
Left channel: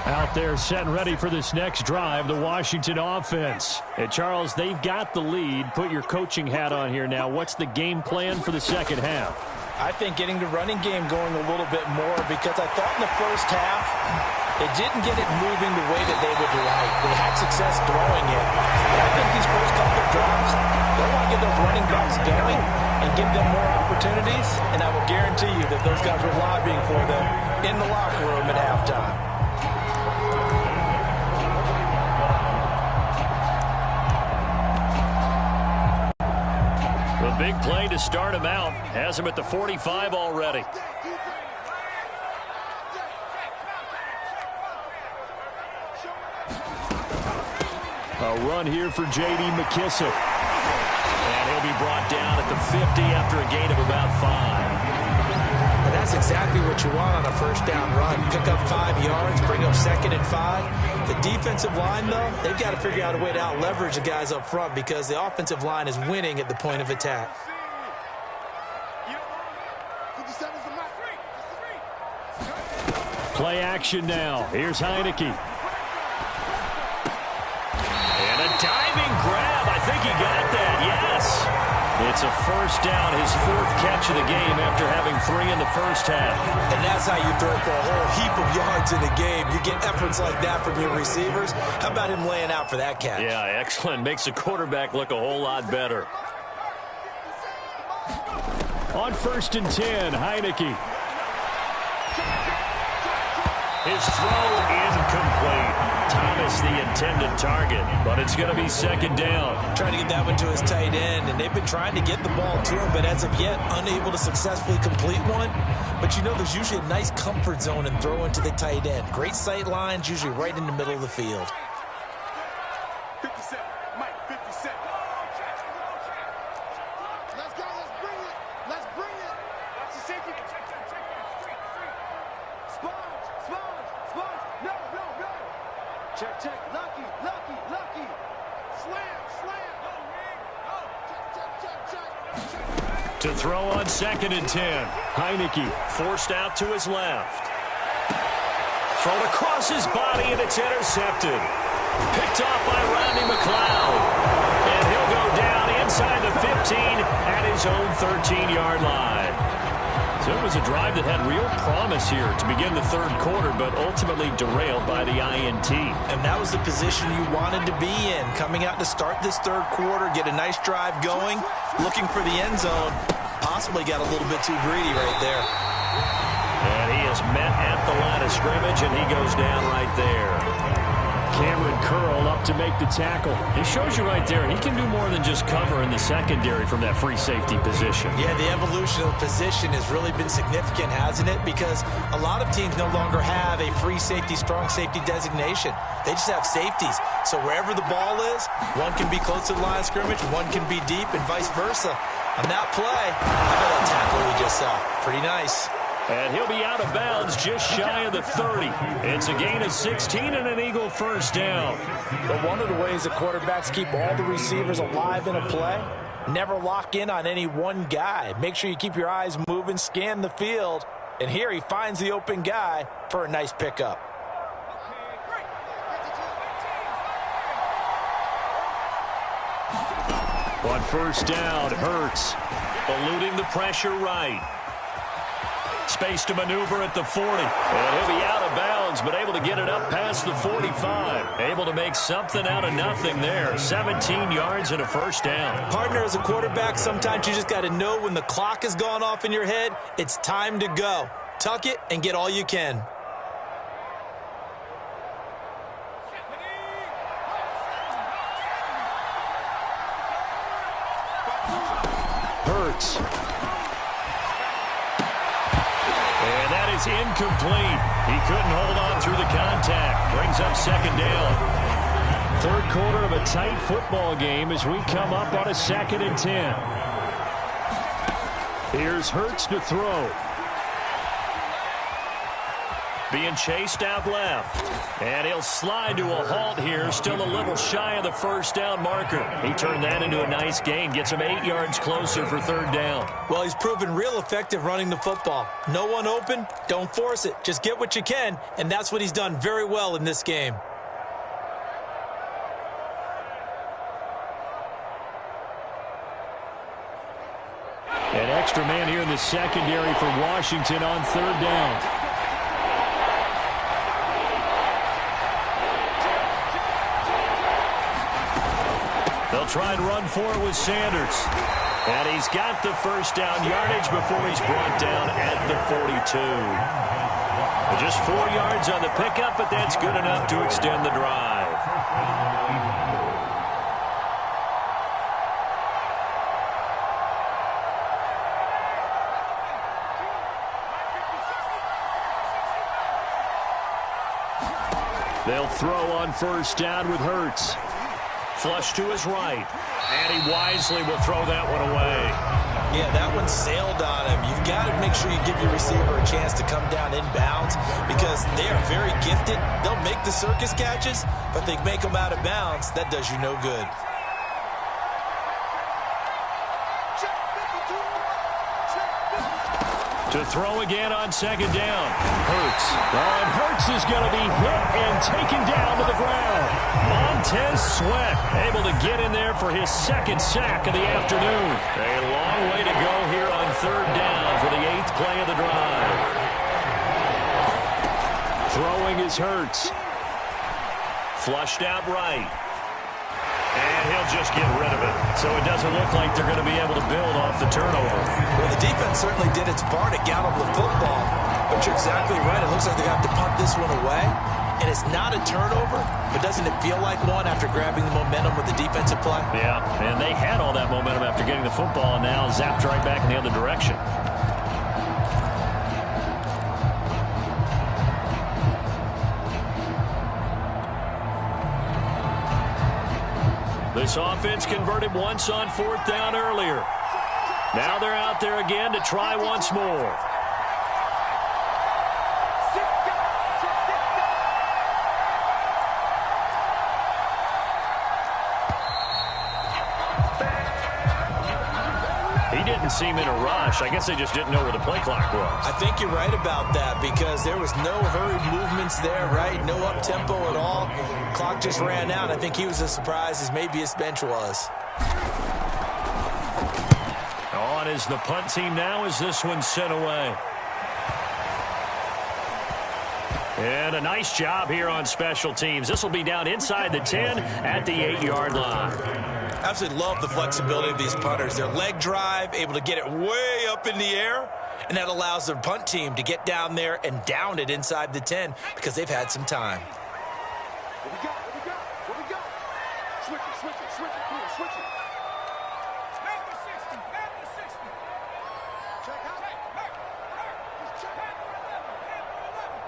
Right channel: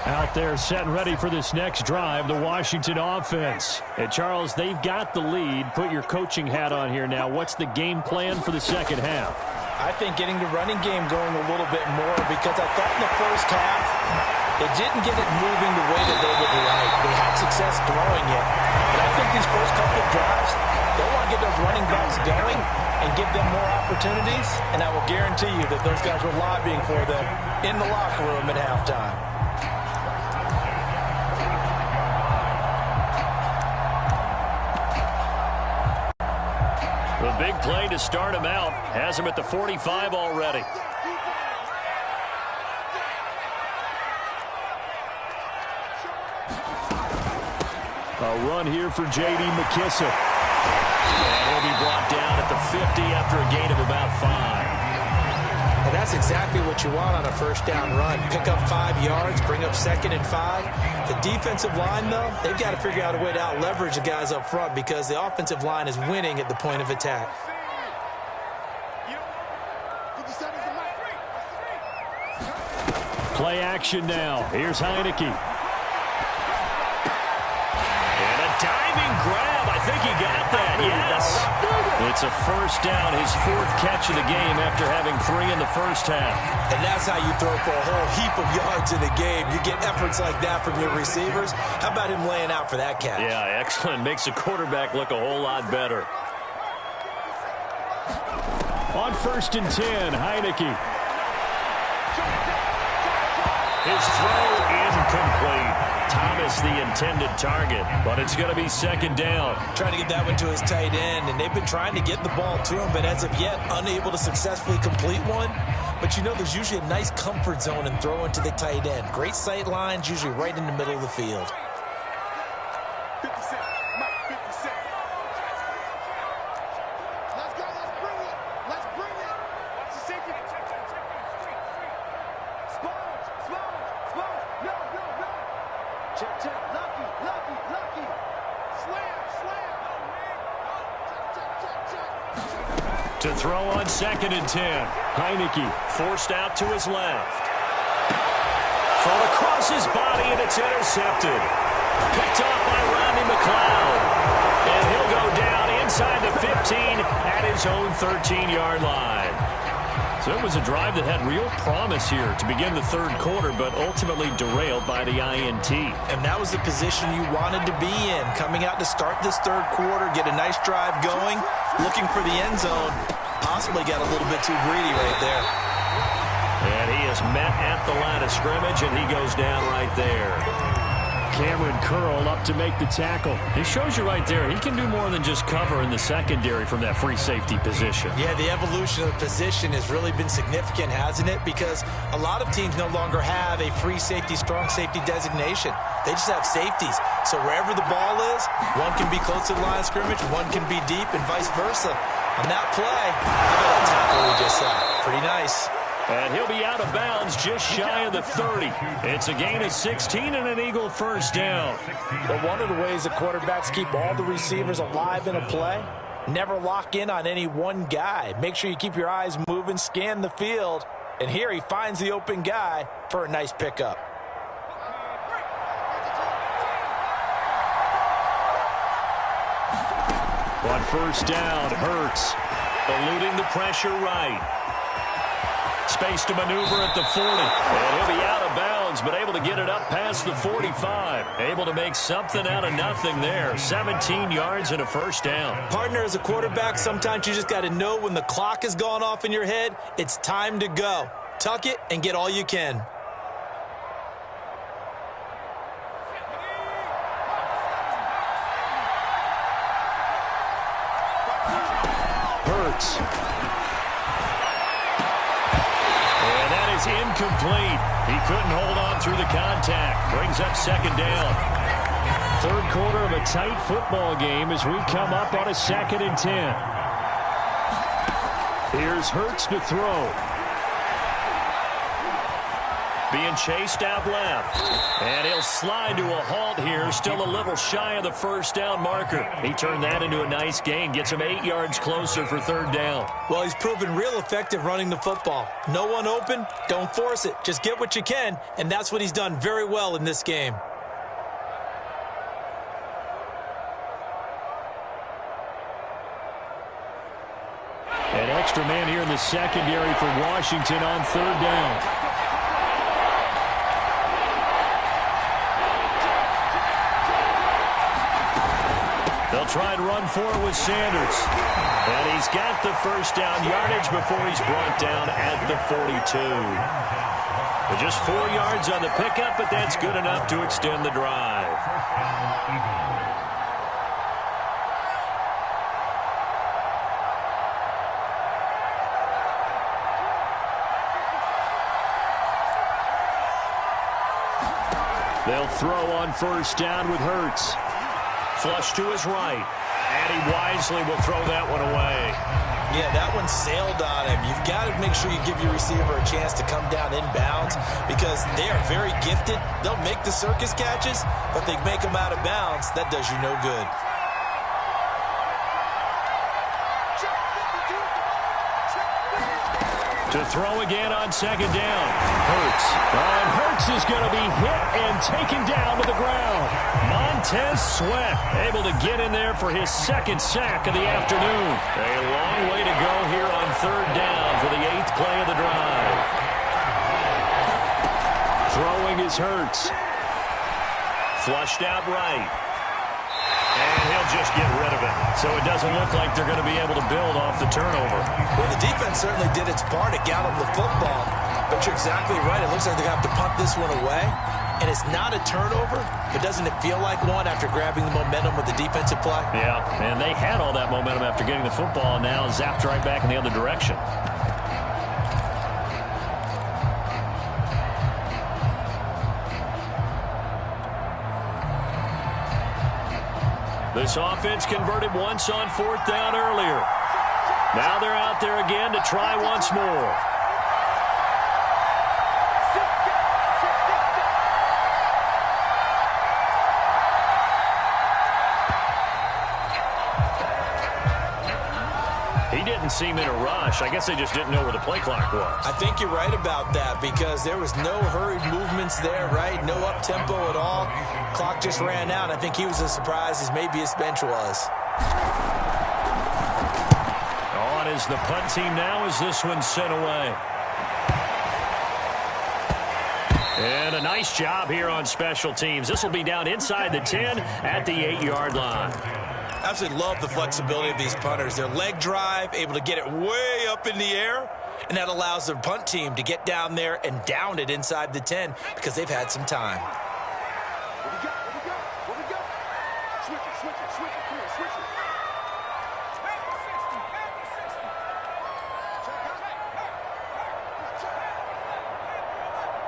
Out there set and ready for this next drive, the Washington offense. And Charles, they've got the lead. Put your coaching hat on here now. What's the game plan for the second half? I think getting the running game going a little bit more because I thought in the first half It didn't get it moving the way that they would like. They had success throwing it. But I think these first couple of drives, they'll want to get those running backs going and give them more opportunities. And I will guarantee you that those guys were lobbying for them in the locker room at halftime. The big play to start him out has him at the 45 already. A run here for J.D. McKissick. And he'll be brought down at the 50 after a gain of about 5. And that's exactly what you want on a first down run. Pick up 5 yards, bring up 2nd and 5. The defensive line, though, they've got to figure out a way to out-leverage the guys up front because the offensive line is winning at the point of attack. Play action now. Here's Heineke. And a diving grab. I think he got that. Yes. It's a first down, his 4th catch of the game after having 3 in the first half. And that's how you throw for a whole heap of yards in a game. You get efforts like that from your receivers. How about him laying out for that catch? Yeah, excellent. Makes the quarterback look a whole lot better. On 1st and 10, Heineke. His throw incomplete. Thomas the intended target, but it's going to be 2nd down. Trying to get that one to his tight end, and they've been trying to get the ball to him, but as of yet, unable to successfully complete one. But you know there's usually a nice comfort zone in throwing to the tight end. Great sight lines, usually right in the middle of the field. 57, Mike, 57. Let's go, let's bring it. Let's bring it. Watch the safety. Check that, street. Sponge. No. Check. Lucky. Slam. No, Wing. No. Check. To throw on 2nd and 10. Heineke forced out to his left. Thrown across his body, and it's intercepted. Picked off by Rodney McLeod. And he'll go down inside the 15 at his own 13-yard line. So it was a drive that had real promise here to begin the 3rd quarter, but ultimately derailed by the INT. And that was the position you wanted to be in, coming out to start this 3rd quarter, get a nice drive going, looking for the end zone. Possibly got a little bit too greedy right there. And he is met at the line of scrimmage, and he goes down right there. Cameron Curl up to make the tackle. It shows you right there, he can do more than just cover in the secondary from that free safety position. Yeah, the evolution of the position has really been significant, hasn't it? Because a lot of teams no longer have a free safety, strong safety designation. They just have safeties. So wherever the ball is, one can be close to the line of scrimmage, one can be deep, and vice versa. On that play, look at that tackle we just saw. Pretty nice. And he'll be out of bounds just shy of the 30. It's a gain of 16 and an Eagle first down. But one of the ways that quarterbacks keep all the receivers alive in a play, never lock in on any one guy. Make sure you keep your eyes moving, scan the field. And here he finds the open guy for a nice pickup. On 1st down, Hurts eluding the pressure right. Space to maneuver at the 40. And he'll be out of bounds, but able to get it up past the 45. Able to make something out of nothing there. 17 yards and a first down. Partner, as a quarterback, sometimes you just got to know when the clock has gone off in your head, it's time to go. Tuck it and get all you can. Hurts. And that is incomplete. He couldn't hold on through the contact. Brings up 2nd down. 3rd quarter of a tight football game as we come up on a 2nd and 10. Here's Hurts to throw. Being chased out left. And he'll slide to a halt here. Still a little shy of the first down marker. He turned that into a nice gain. Gets him 8 yards closer for 3rd down. Well, he's proven real effective running the football. No one open, don't force it. Just get what you can, and that's what he's done very well in this game. An extra man here in the secondary for Washington on 3rd down. They'll try and run for it with Sanders. And he's got the first down yardage before he's brought down at the 42. Just 4 yards on the pickup, but that's good enough to extend the drive. They'll throw on first down with Hurts. Flush to his right. And he wisely will throw that one away. Yeah, that one sailed on him. You've got to make sure you give your receiver a chance to come down inbounds because they are very gifted. They'll make the circus catches, but they make them out of bounds. That does you no good. To throw again on second down. Hurts. Oh, and Hurts is going to be hit and taken down to the ground. Montez Sweat able to get in there for his second sack of the afternoon. A long way to go here on third down for the 8th play of the drive. Throwing is Hurts. Flushed out right. And he'll just get rid of it. So it doesn't look like they're going to be able to build off the turnover. Well, the defense certainly did its part to got them the football. But you're exactly right. It looks like they're going to have to punt this one away. And it's not a turnover, but doesn't it feel like one after grabbing the momentum with the defensive play? Yeah, and they had all that momentum after getting the football and now zapped right back in the other direction. This offense converted once on fourth down earlier. Now they're out there again to try once more. He didn't seem in a rush. I guess they just didn't know where the play clock was. I think you're right about that because there was no hurried movements there, right? No up-tempo at all. Clock just ran out. I think he was as surprised as maybe his bench was. On is the punt team now as this one's sent away. And a nice job here on special teams. This will be down inside the 10 at the 8-yard line. Absolutely love the flexibility of these punters. Their leg drive, able to get it way up in the air, and that allows their punt team to get down there and down it inside the 10 because they've had some time. What we got? What we got? What we got? Switch it, switch it, switch it. Come on, switch it. Back to 60, back to 60. Check out. Just check. Back to 11,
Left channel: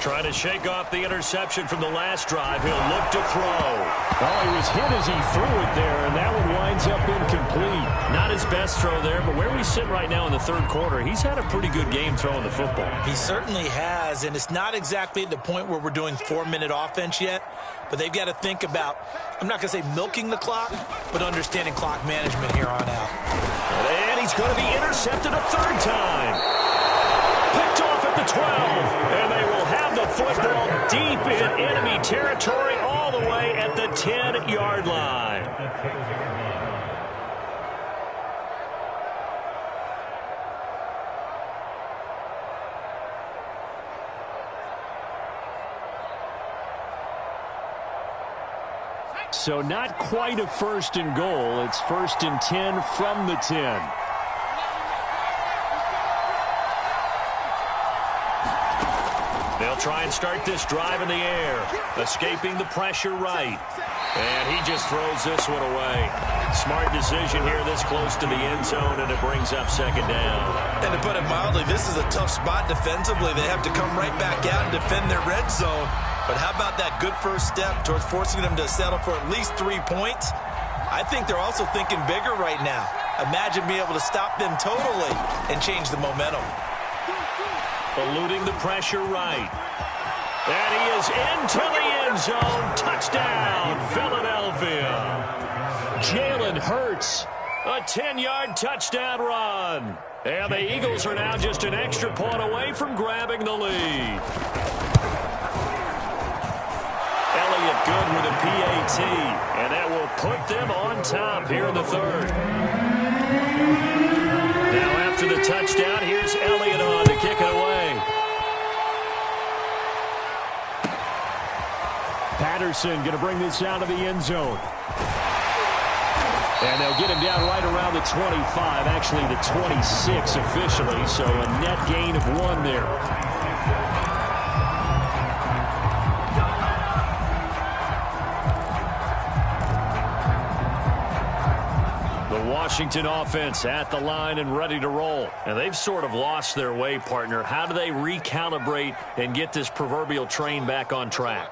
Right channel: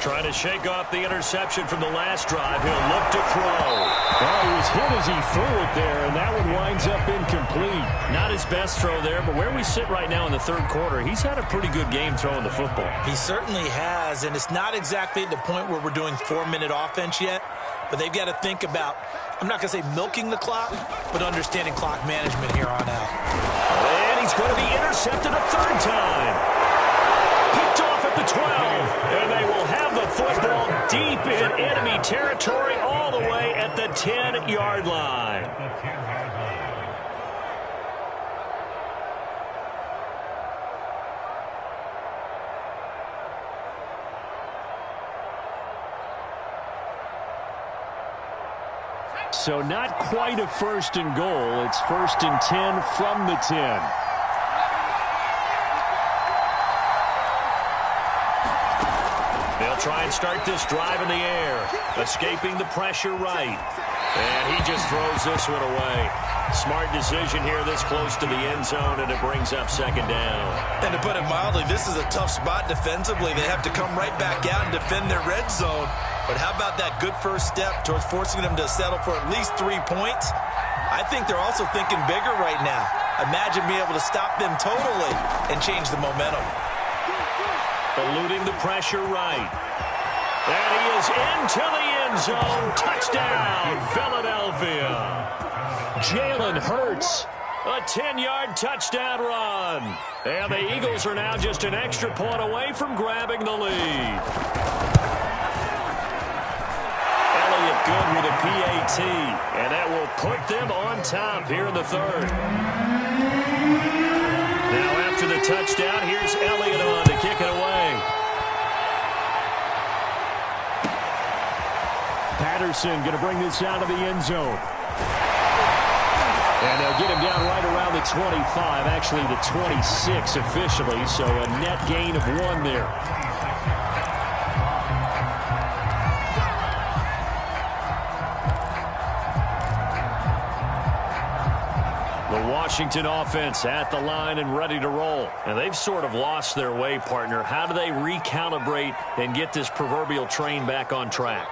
Trying to shake off the interception from the last drive. He'll look to throw. Oh, he was hit as he threw it there, and that one winds up incomplete. Not his best throw there, but where we sit right now in the third quarter, he's had a pretty good game throwing the football. He certainly has, and it's not exactly at the point where we're doing 4-minute offense yet, but they've got to think about, I'm not going to say milking the clock, but understanding clock management here on out. And he's going to be intercepted a third time. Picked off at the 12, and they will have the football deep in enemy territory all the way at the 10-yard line. So not quite a first and goal. It's first and 10 from the 10. They'll try and start this drive in the air, escaping the pressure right. And he just throws this one away. Smart decision here this close to the end zone, and it brings up second down. And to put it mildly, this is a tough spot defensively. They have to come right back out and defend their red zone. But how about that good first step towards forcing them to settle for at least 3 points? I think they're also thinking bigger right now. Imagine being able to stop them totally and change the momentum. Eluding the pressure right. And he is into the end zone. Touchdown, Philadelphia. Jalen Hurts, a 10-yard touchdown run. And the Eagles are now just an extra point away from grabbing the lead. Elliott good with a PAT, and that will put them on top here in the third. Now after the touchdown, here's Elliott on to kick it away. Patterson going to bring this out of the end zone. And they'll get him down right around the 25, actually the 26 officially, so a net gain of 1 there. The Washington offense at the line and ready to roll. And they've sort of lost their way, partner. How do they recalibrate and get this proverbial train back on track?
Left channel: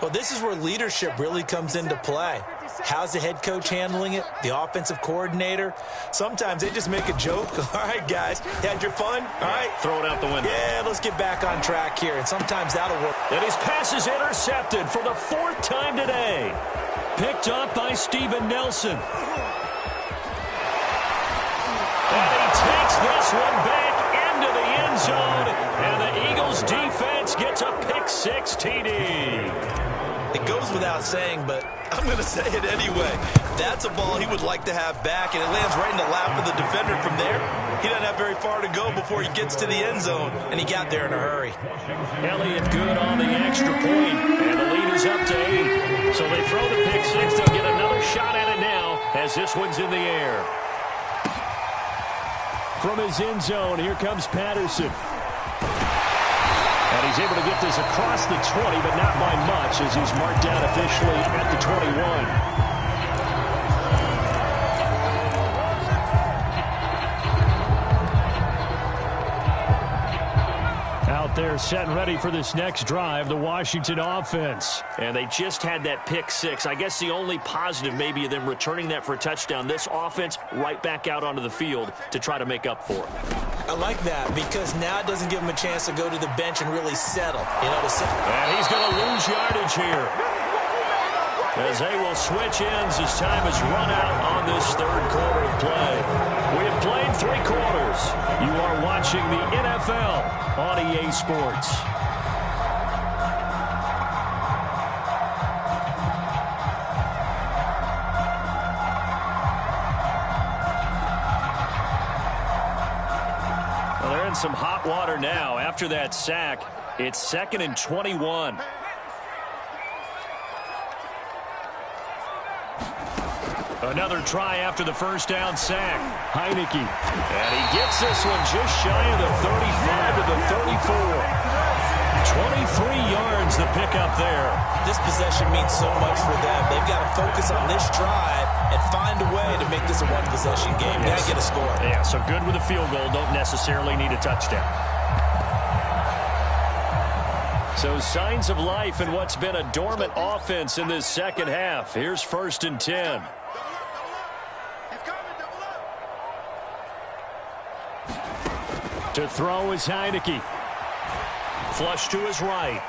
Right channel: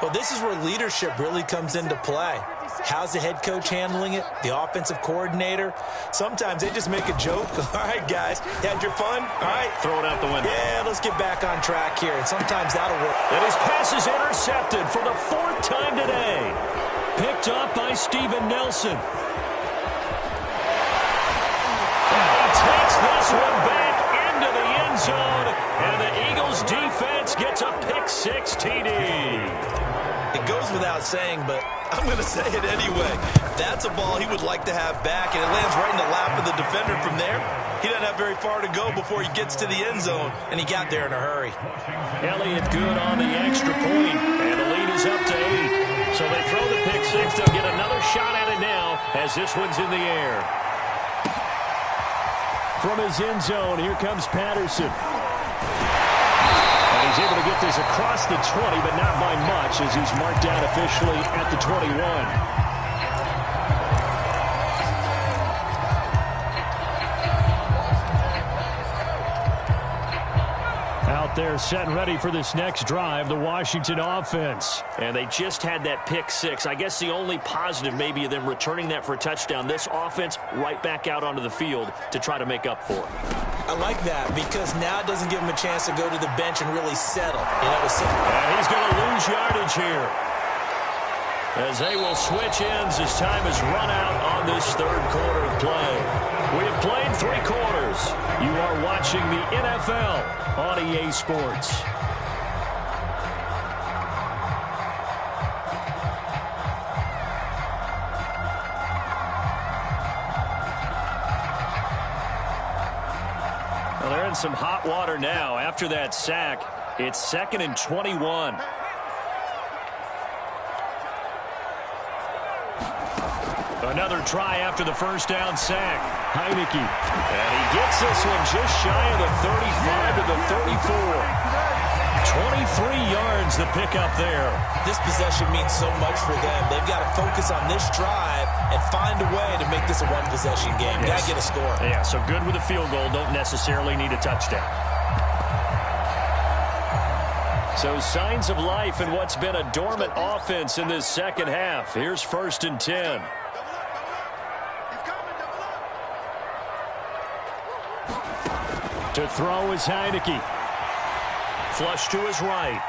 Well, this is where leadership really comes into play. How's the head coach handling it? The offensive coordinator? Sometimes they just make a joke. All right, guys, you had your fun? All right. Throw it out the window. Yeah, let's get back on track here, and sometimes that'll work. And his pass is intercepted for the 4th time today. Picked up by Steven Nelson. And he takes this one back into the end zone, and the Eagles defense gets a pick-6 TD. It goes without saying, but I'm going to say it anyway. That's a ball he would like to have back, and it lands right in the lap of the defender from there. He doesn't have very far to go before he gets to the end zone, and he got there in a hurry. Elliott good on the extra point, and the lead is up to 8. So they throw the pick-6. They'll get another shot at it now as this one's in the air. From his end zone, here comes Patterson. And he's able to get this across the 20, but not by much, as he's marked out officially at the 21. Out there set and ready for this next drive, the Washington offense. And they just had that pick-6. I guess the only positive maybe of them returning that for a touchdown. This offense right back out onto the field to try to make up for it. I like that because now it doesn't give him a chance to go to the bench and really settle. And he's going to lose yardage here, as they will switch ends as time has run out on this 3rd quarter of play. We have played 3 quarters. You are watching the NFL on EA Sports. Well, they're in some hot water now. After that sack, it's 2nd and 21. Another try after the first down sack. Heineke. And he gets this one just shy of the 35 to the 34. 23 yards the pickup there. This possession means so much for them. They've got to focus on this drive and find a way to make this a one-possession game. Got to get a score. Yeah, so good with a field goal. Don't necessarily need a touchdown. So signs of life in what's been a dormant offense in this second half. Here's 1st and 10. To throw is Heineke. Flush to his right.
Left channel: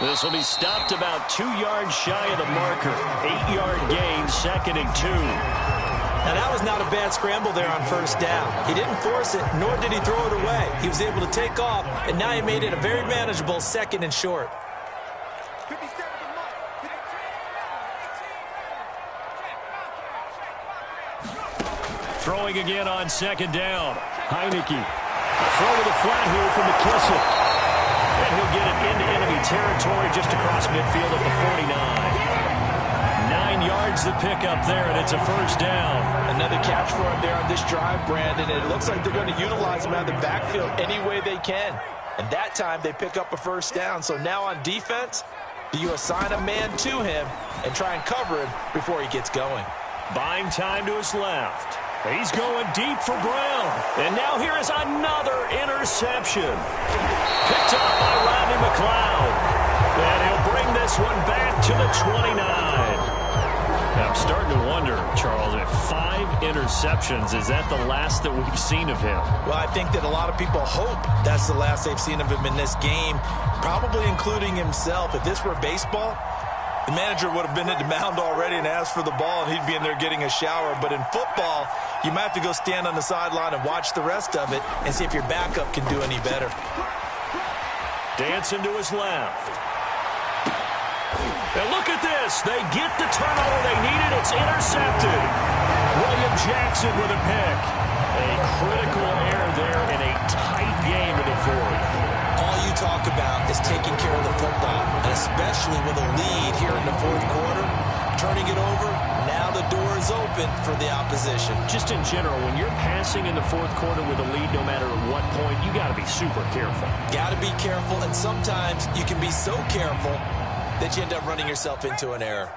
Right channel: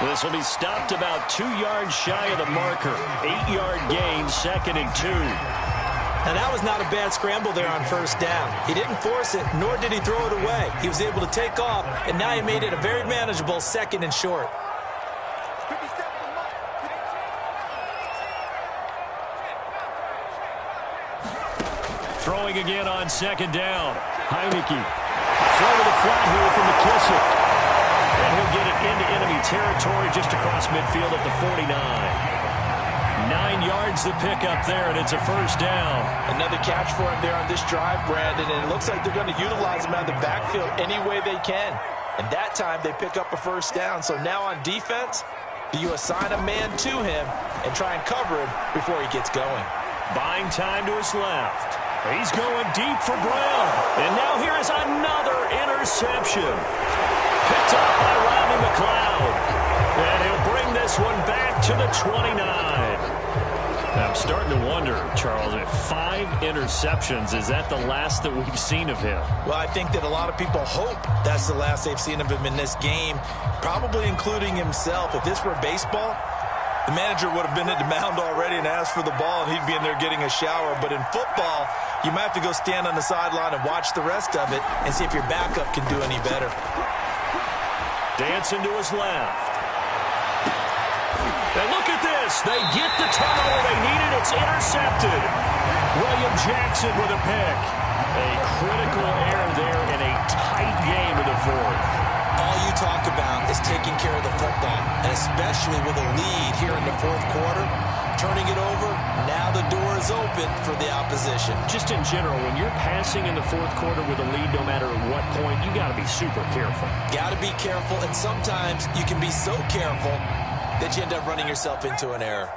This will be stopped about 2 yards shy of the marker. 8-yard gain, 2nd and 2. Now, that was not a bad scramble there on 1st down. He didn't force it, nor did he throw it away. He was able to take off, and now he made it a very manageable 2nd and short. Throwing again on 2nd down. Heineke. Throw to the flat here from McKissick. And he'll get it into enemy territory just across midfield at the 49. 9 yards to pick up there, and it's a 1st down. Another catch for him there on this drive, Brandon, and it looks like they're going to utilize him out of the backfield any way they can. And that time they pick up a 1st down. So now on defense, do you assign a man to him and try and cover him before he gets going? Buying time to his left. He's going deep for Brown. And now here is another interception. Picked up by Rodney McLeod. And he'll bring this one back to the 29. I'm starting to wonder, Charles, if 5 interceptions, is that the last that we've seen of him? Well, I think that a lot of people hope that's the last they've seen of him in this game, probably including himself. If this were baseball, the manager would have been at the mound already and asked for the ball, and he'd be in there getting a shower. But in football, you might have to go stand on the sideline and watch the rest of it and see if your backup can do any better. Dancing to his left. And look at this. They get the turnover they needed. It's intercepted. William Jackson with a pick. A critical error there in a tight game in the 4th. all you talk about is taking care of the football, and especially with a lead here in the fourth quarter, turning it over, now the door is open for the opposition. Just in general, when you're passing in the fourth quarter with a lead, no matter at what point, you got to be super careful. Got to be careful, and sometimes you can be so careful that you end up running yourself into an error.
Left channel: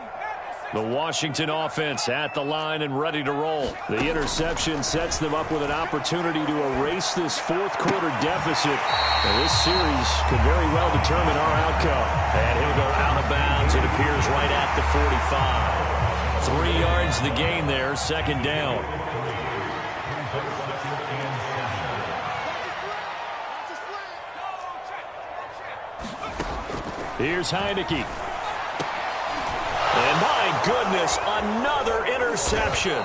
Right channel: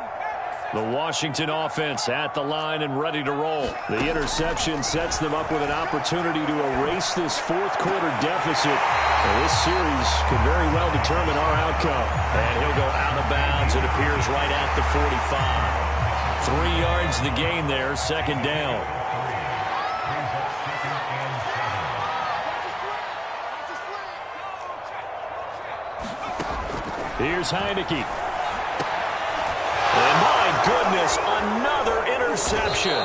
The Washington offense at the line and ready to roll. The interception sets them up with an opportunity to erase this fourth quarter deficit. And this series could very well determine our outcome. And he'll go out of bounds. It appears right at the 45. 3 yards the gain there, second down. Here's Heineke. And my goodness, another interception.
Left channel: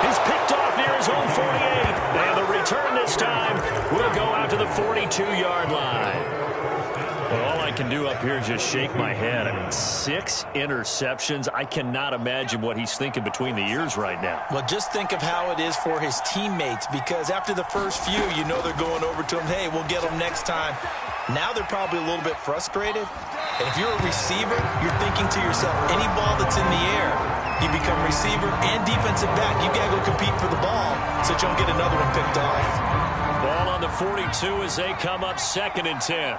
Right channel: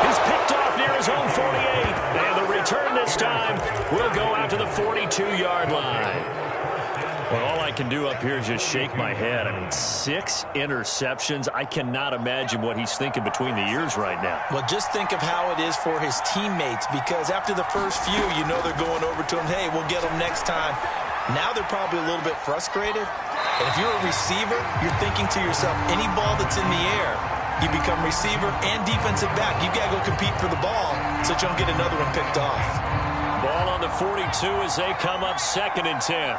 He's picked off near his own 48. And the return this time will go out to the 42-yard line. Well, all I can do up here is just shake my head. I mean, 6 interceptions. I cannot imagine what he's thinking between the ears right now. Well, just think of how it is for his teammates, because after the first few, you know they're going over to him, hey, we'll get them next time. Now they're probably a little bit frustrated. And if you're a receiver, you're thinking to yourself, any ball that's in the air, you become receiver and defensive back. You've got to go compete for the ball so that you don't get another one picked off. Ball on the 42 as they come up 2nd and 10.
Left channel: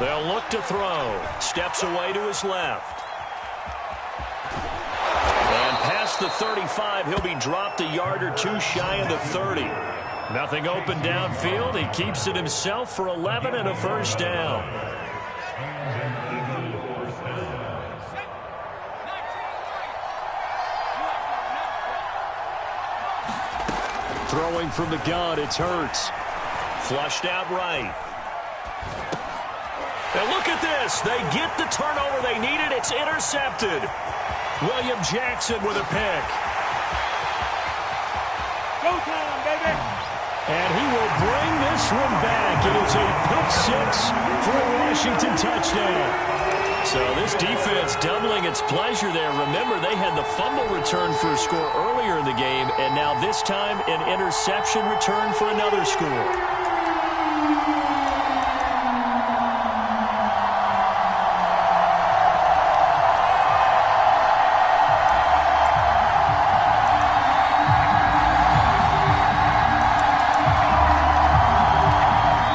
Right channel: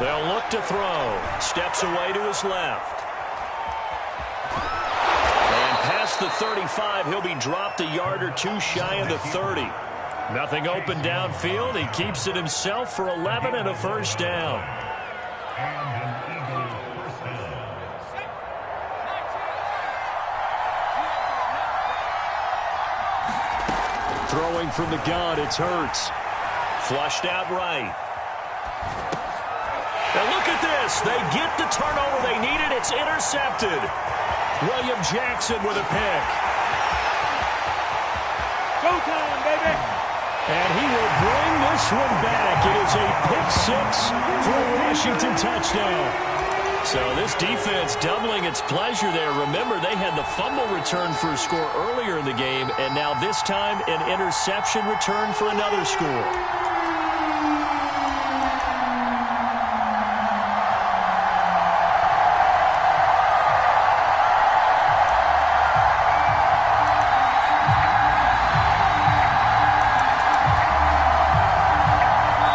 They'll look to throw. Steps away to his left. And past the 35, he'll be dropped a yard or two shy of the 30. Nothing open downfield. He keeps it himself for 11 and a first down. Throwing from the gun, it's Hurts. Flushed out right. Now look at this. They get the turnover they needed. It's intercepted. William Jackson with a pick. Go time, baby. And he will bring this one back. It is a pick-6 for a Washington touchdown. So this defense doubling its pleasure there. Remember, they had the fumble return for a score earlier in the game, and now this time an interception return for another score.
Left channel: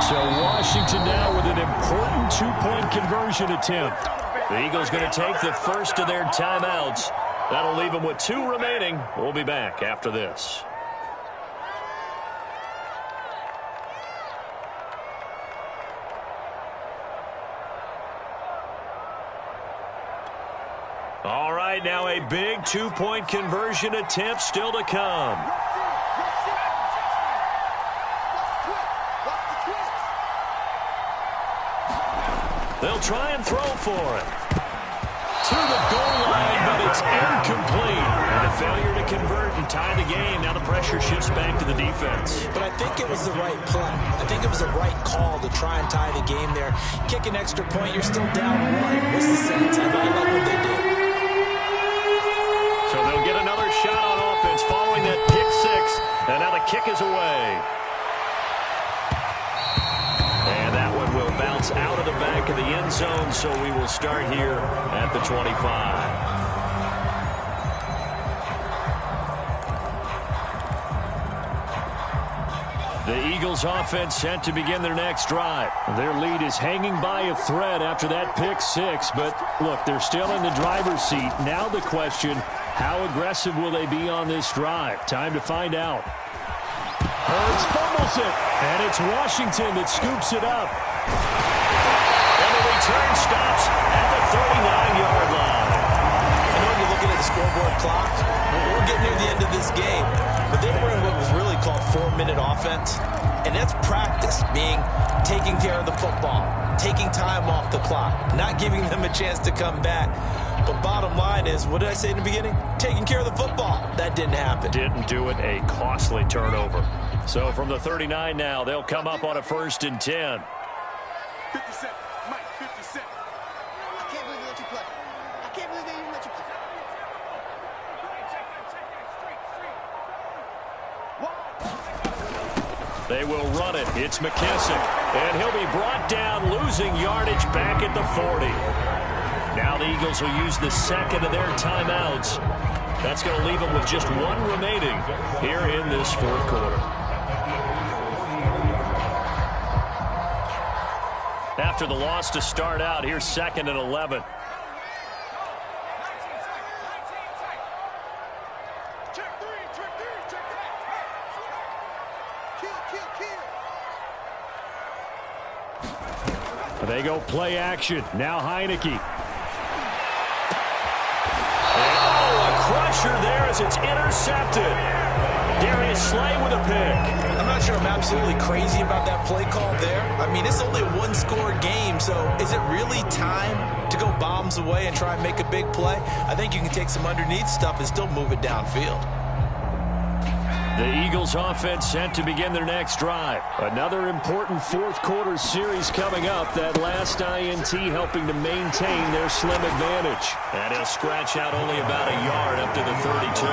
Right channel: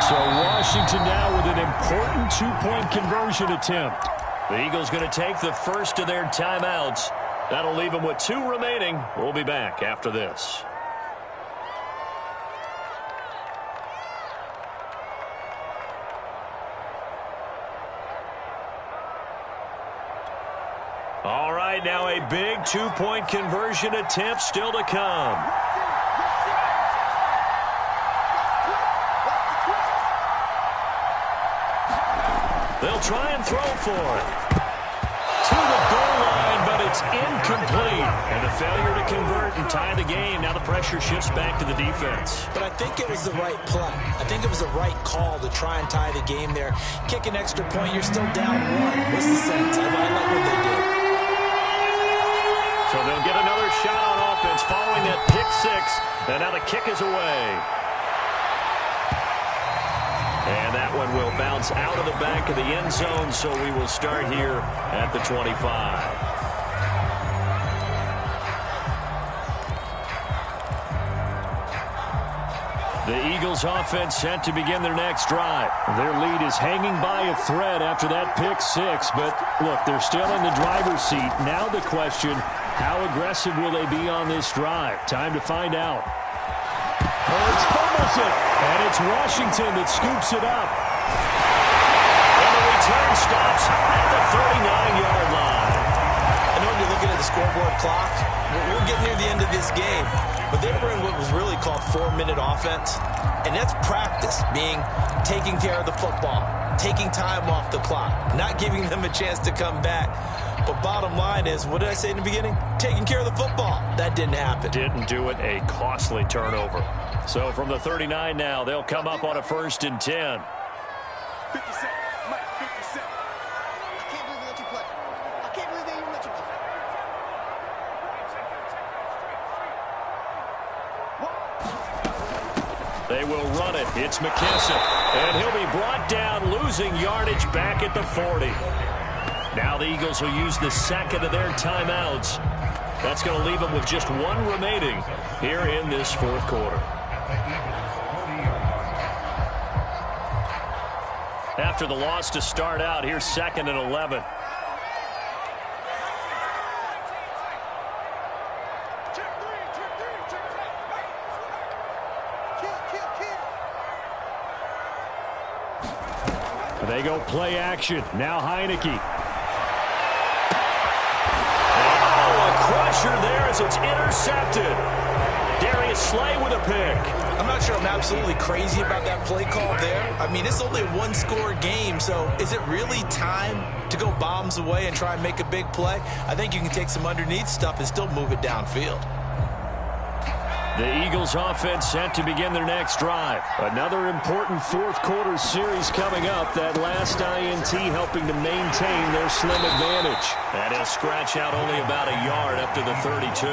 So Washington now with an important 2-point conversion attempt. The Eagles going to take the first of their timeouts. That'll leave them with 2 remaining. We'll be back after this. All right, now a big 2-point conversion attempt still to come. They'll try and throw for it. To the goal line, but it's incomplete. And a failure to convert and tie the game. Now the pressure shifts back to the defense. But I think it was the right play. I think it was the right call to try and tie the game there. Kick an extra point, you're still down 1. What's the sense? I like what they did. So they'll get another shot on offense following that pick-6. And now the kick is away. And that one will bounce out of the back of the end zone, so we will start here at the 25. The Eagles offense set to begin their next drive. Their lead is hanging by a thread after that pick-6, but look, they're still in the driver's seat. Now the question, how aggressive will they be on this drive? Time to find out. Hurts fumbles it, and it's Washington that scoops it up. And the return stops at the 39-yard line. I know when you're looking at the scoreboard clock, we're getting near the end of this game, but they were in what was really called 4-minute offense, and that's practice, being taking care of the football, taking time off the clock, not giving them a chance to come back. But bottom line is, what did I say in the beginning? Taking care of the football. That didn't happen. Didn't do it. A costly turnover. So from the 39 now, they'll come up on a 1st and 10. 50 seconds. Mike, 50 seconds. I can't believe they let you play. I can't believe they even let you play. Check that street. They will run it. It's McKissick. And he'll be brought down, losing yardage back at the 40. Now the Eagles will use the second of their timeouts. That's going to leave them with just one remaining here in this fourth quarter. After the loss to start out, here's 2nd and 11. They go play action. Now Heineke. A crusher there as it's intercepted. Darius Slay with a pick. I'm not sure I'm absolutely crazy about that play call there. I mean, it's only a one-score game, so is it really time to go bombs away and try and make a big play? I think you can take some underneath stuff and still move it downfield. The Eagles offense set to begin their next drive. Another important fourth quarter series coming up. That last INT helping to maintain their slim advantage. And he'll scratch out only about a yard up to the 32.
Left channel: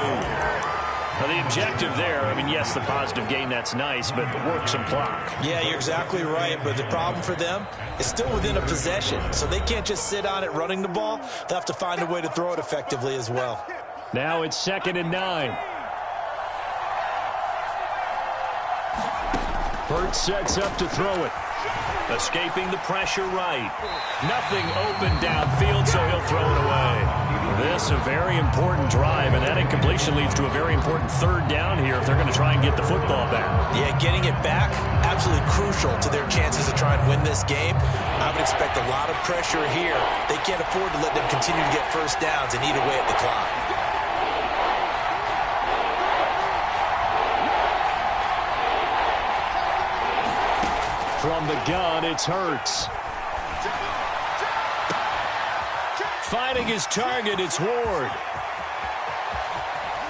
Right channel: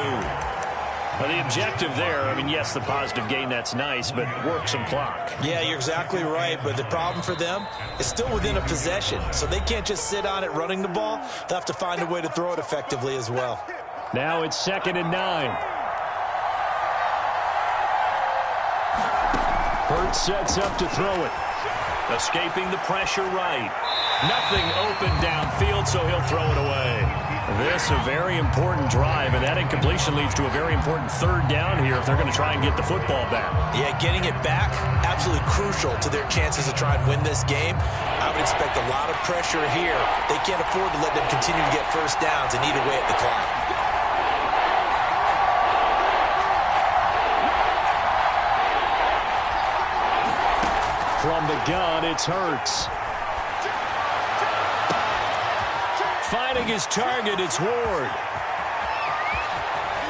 Now the objective there, I mean, yes, the positive gain, that's nice, but work some clock. Yeah, you're exactly right, but the problem for them is still within a possession, so they can't just sit on it running the ball. They'll have to find a way to throw it effectively as well. Now it's 2nd and 9. Hurts sets up to throw it. Escaping the pressure right. Nothing open downfield, so he'll throw it away. This a very important drive, and that incompletion leads to a very important third down here if they're going to try and get the football back. Yeah, getting it back, absolutely crucial to their chances to try and win this game. I would expect a lot of pressure here. They can't afford to let them continue to get first downs and eat away at the clock. From the gun, it's Hurts. Finding his target, it's Ward.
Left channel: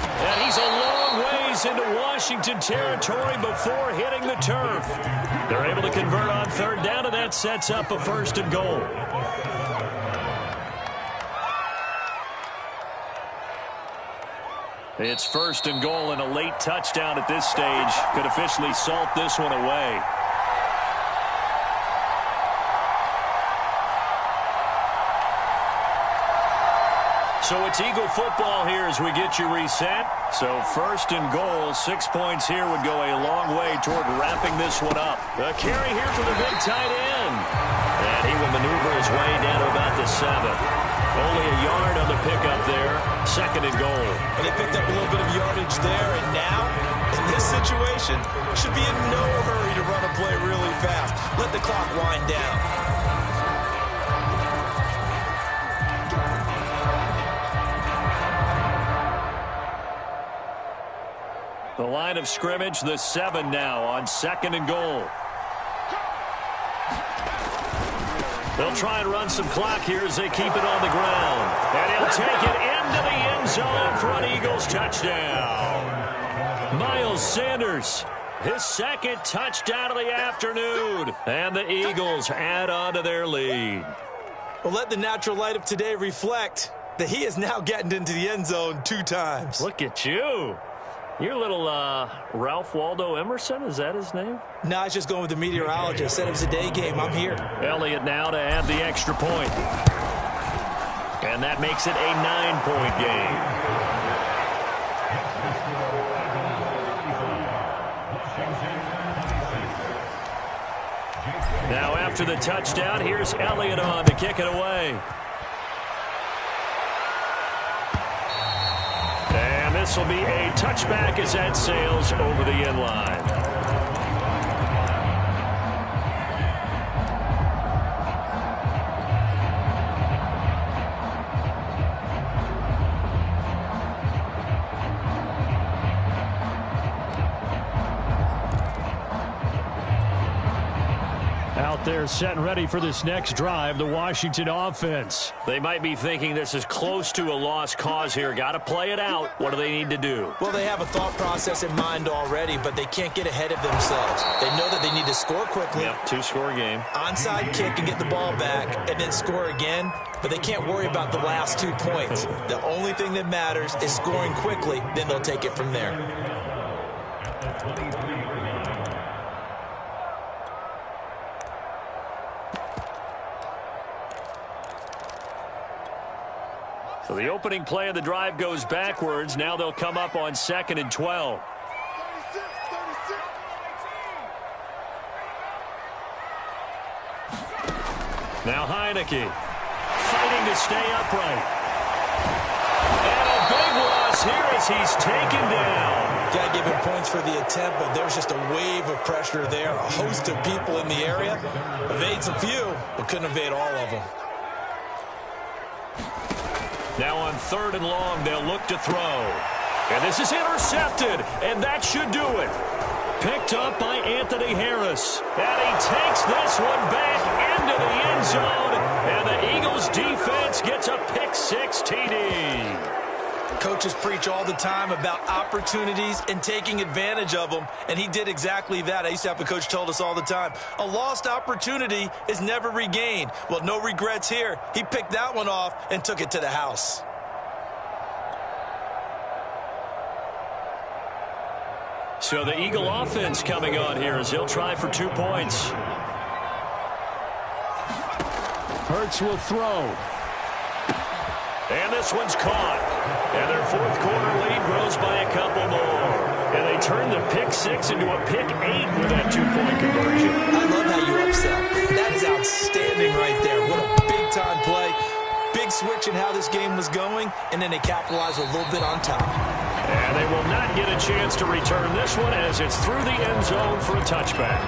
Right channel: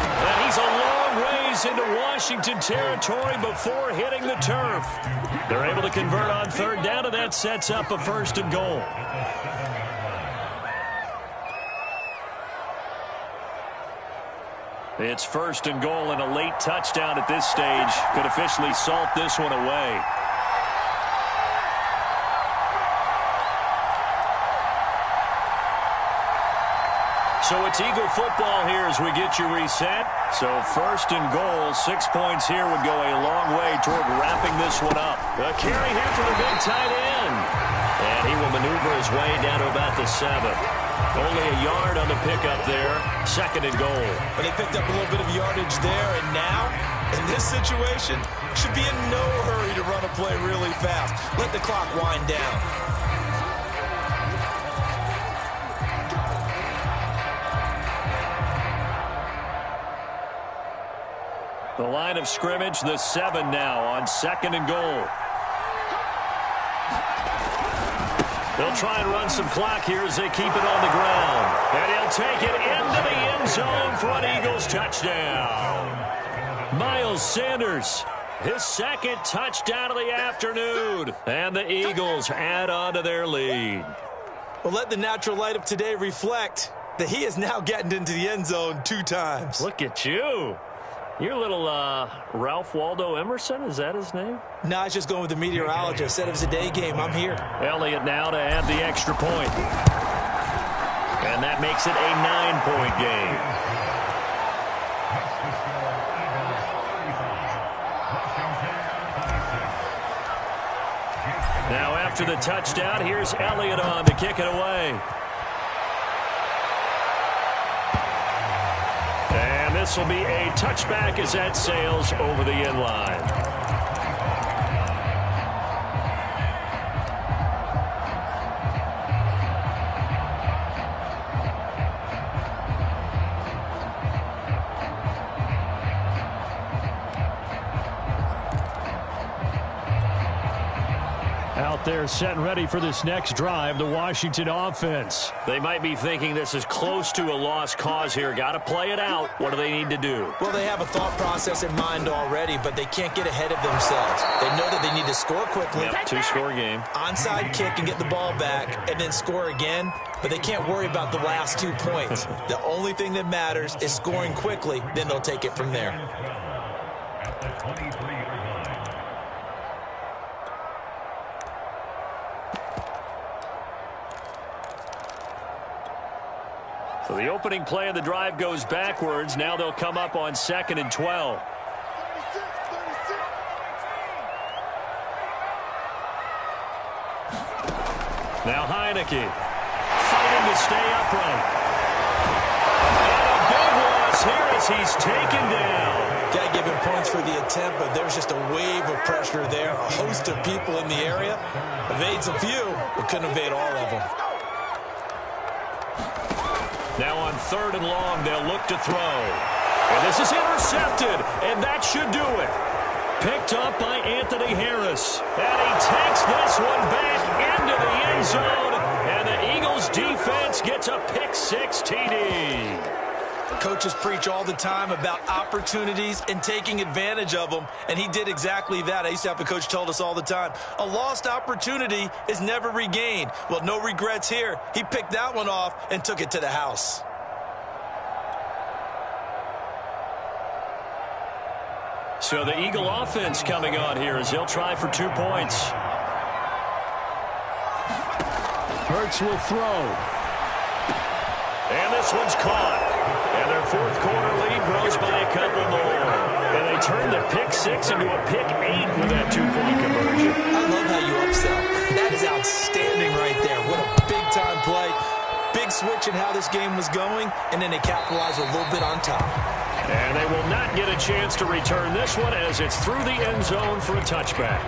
And he's a long ways into Washington territory before hitting the turf. They're able to convert on third down, and that sets up a 1st and goal. It's 1st and goal, and a late touchdown at this stage could officially salt this one away. So it's Eagle football here as we get you reset. So 1st and goal, 6 points here would go a long way toward wrapping this one up. A carry here for the big tight end. And he will maneuver his way down to about the 7. Only a yard on the pickup there. 2nd and goal. But they picked up a little bit of yardage there, and now, in this situation, should be in no hurry to run a play really fast. Let the clock wind down. The line of scrimmage, the 7 now on 2nd and goal. They'll try and run some clock here as they keep it on the ground. And he'll take it into the end zone for an Eagles touchdown. Miles Sanders, his 2nd touchdown of the afternoon. And the Eagles add on to their lead. Well, let the natural light of today reflect that he is now getting into the end zone 2 times. Look at you. You're a little Ralph Waldo Emerson, is that his name? No, I was just going with the meteorologist. Said it was a day game. I'm here. Elliott now to add the extra point. And that makes it a 9-point game. Now after the touchdown, here's Elliott on to kick it away. And this will be a touchback as that sails over the end line. Out there set and ready for this next drive, the Washington offense. They might be thinking this is close to a lost cause here. Got to play it out. What do they need to do? Well, they have a thought process in mind already, but they can't get ahead of themselves. They know that they need to score quickly. Yep, 2-score game. Onside kick and get the ball back and then score again, but they can't worry about the last 2 points. The only thing that matters is scoring quickly, then they'll take it from there. So the opening play of the drive goes backwards. Now they'll come up on 2nd and 12. 36, 36. Now Heineke fighting to stay upright. And a big loss here as he's taken down. Got to give him points for the attempt, but there's just a wave of pressure there. A host of people in the area. Evades a few, but couldn't evade all of them. Now on 3rd and long, they'll look to throw. And this is intercepted, and that should do it. Picked up by Anthony Harris. And he takes this one back into the end zone. And the Eagles defense gets a pick-6 TD. Coaches preach all the time about opportunities and taking advantage of them, and he did exactly that. I used to have a coach told us all the time, a lost opportunity is never regained. Well, no regrets here. He picked that one off and took it to the house. So the Eagle offense coming on here as they'll try for 2 points. Hurts will throw. And this one's caught. And their 4th quarter lead grows by a couple more. And they turn the pick-6 into a pick-8 with that 2-point conversion. I love how you upsell. That is outstanding right there. What a big-time play. Big switch in how this game was going, and then they capitalize a little bit on top. And they will not get a chance to return this one as it's through the end zone for a touchback.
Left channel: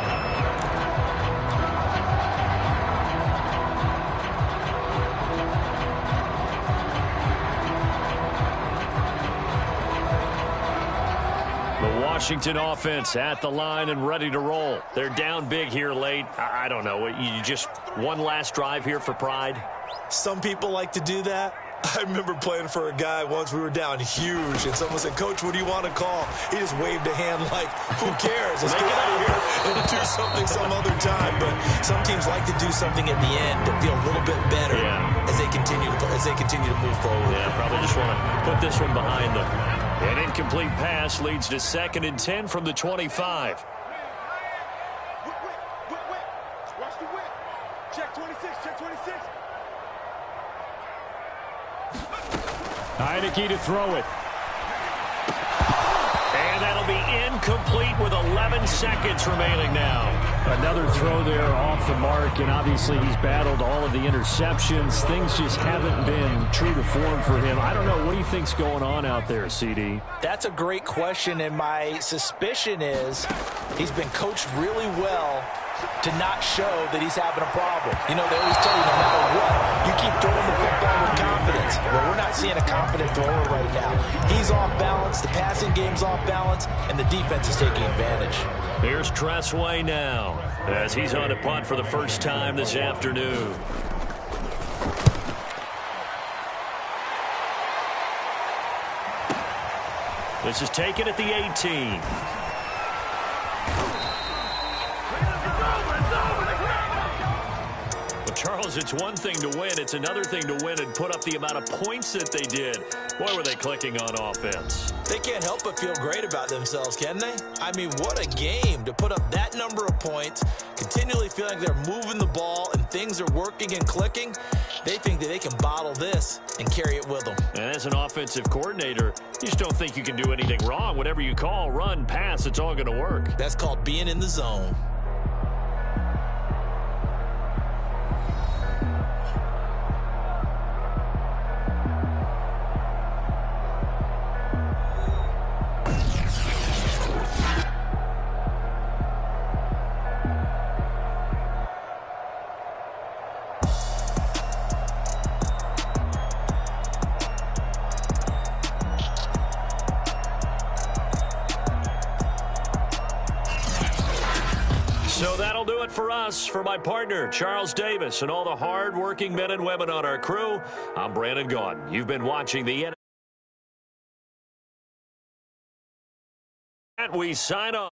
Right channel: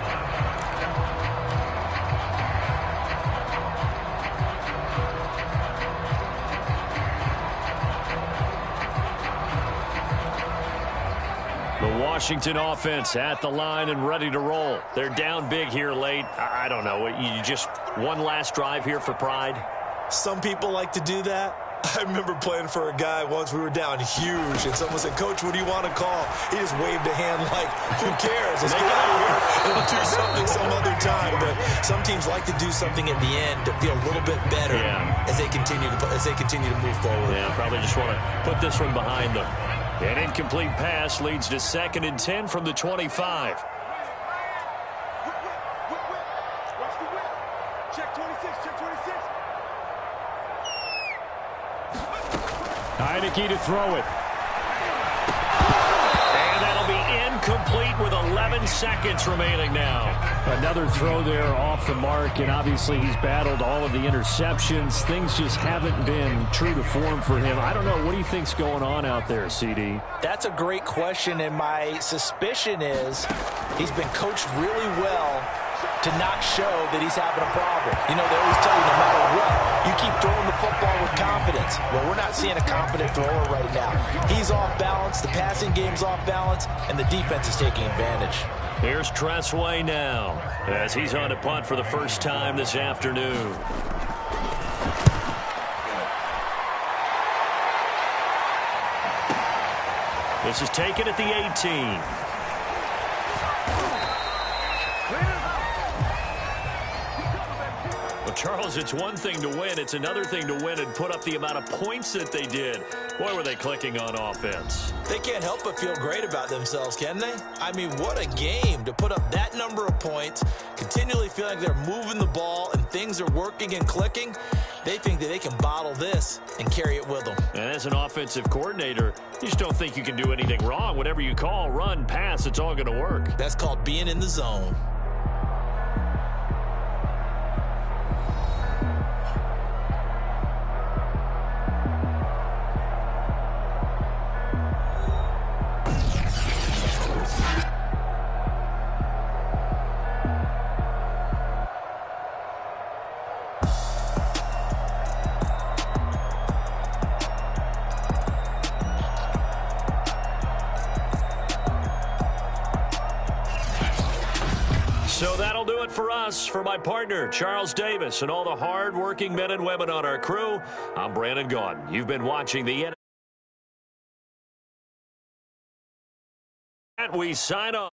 The Washington offense at the line and ready to roll. They're down big here late. I don't know. You just one last drive here for pride? Some people like to do that. I remember playing for a guy once. We were down huge, and someone said, Coach, what do you want to call? He just waved a hand like, who cares? Let's get out of here and do something some other time. But some teams like to do something at the end to feel a little bit better as they continue to move forward. Yeah, probably just want to put this one behind them. An incomplete pass leads to 2nd and 10 from the 25. Whip. Watch the whip. Check 26, check 26. Heineke to throw it. And that'll be incomplete with 11 seconds remaining now. Another throw there off the mark, and obviously he's battled all of the interceptions. Things just haven't been true to form for him. I don't know. What do you think's going on out there, CD? That's a great question, and my suspicion is he's been coached really well to not show that he's having a problem. You know, they always tell you no matter what, you keep throwing the football with confidence. Well, we're not seeing a confident thrower right now. He's off balance, the passing game's off balance, and the defense is taking advantage. Here's Tressway now as he's on to punt for the first time this afternoon. This is taken at the 18. Charles, it's one thing to win. It's another thing to win and put up the amount of points that they did. Boy, were they clicking on offense. They can't help but feel great about themselves, can they? I mean, what a game to put up that number of points, continually feeling they're moving the ball and things are working and clicking. They think that they can bottle this and carry it with them. And as an offensive coordinator, you just don't think you can do anything wrong. Whatever you call, run, pass, it's all going to work. That's called being in the zone. So that'll do it for us. For my partner, Charles Davis, and all the hard-working men and women on our crew, I'm Brandon Gaudin. You've been watching the... We sign off.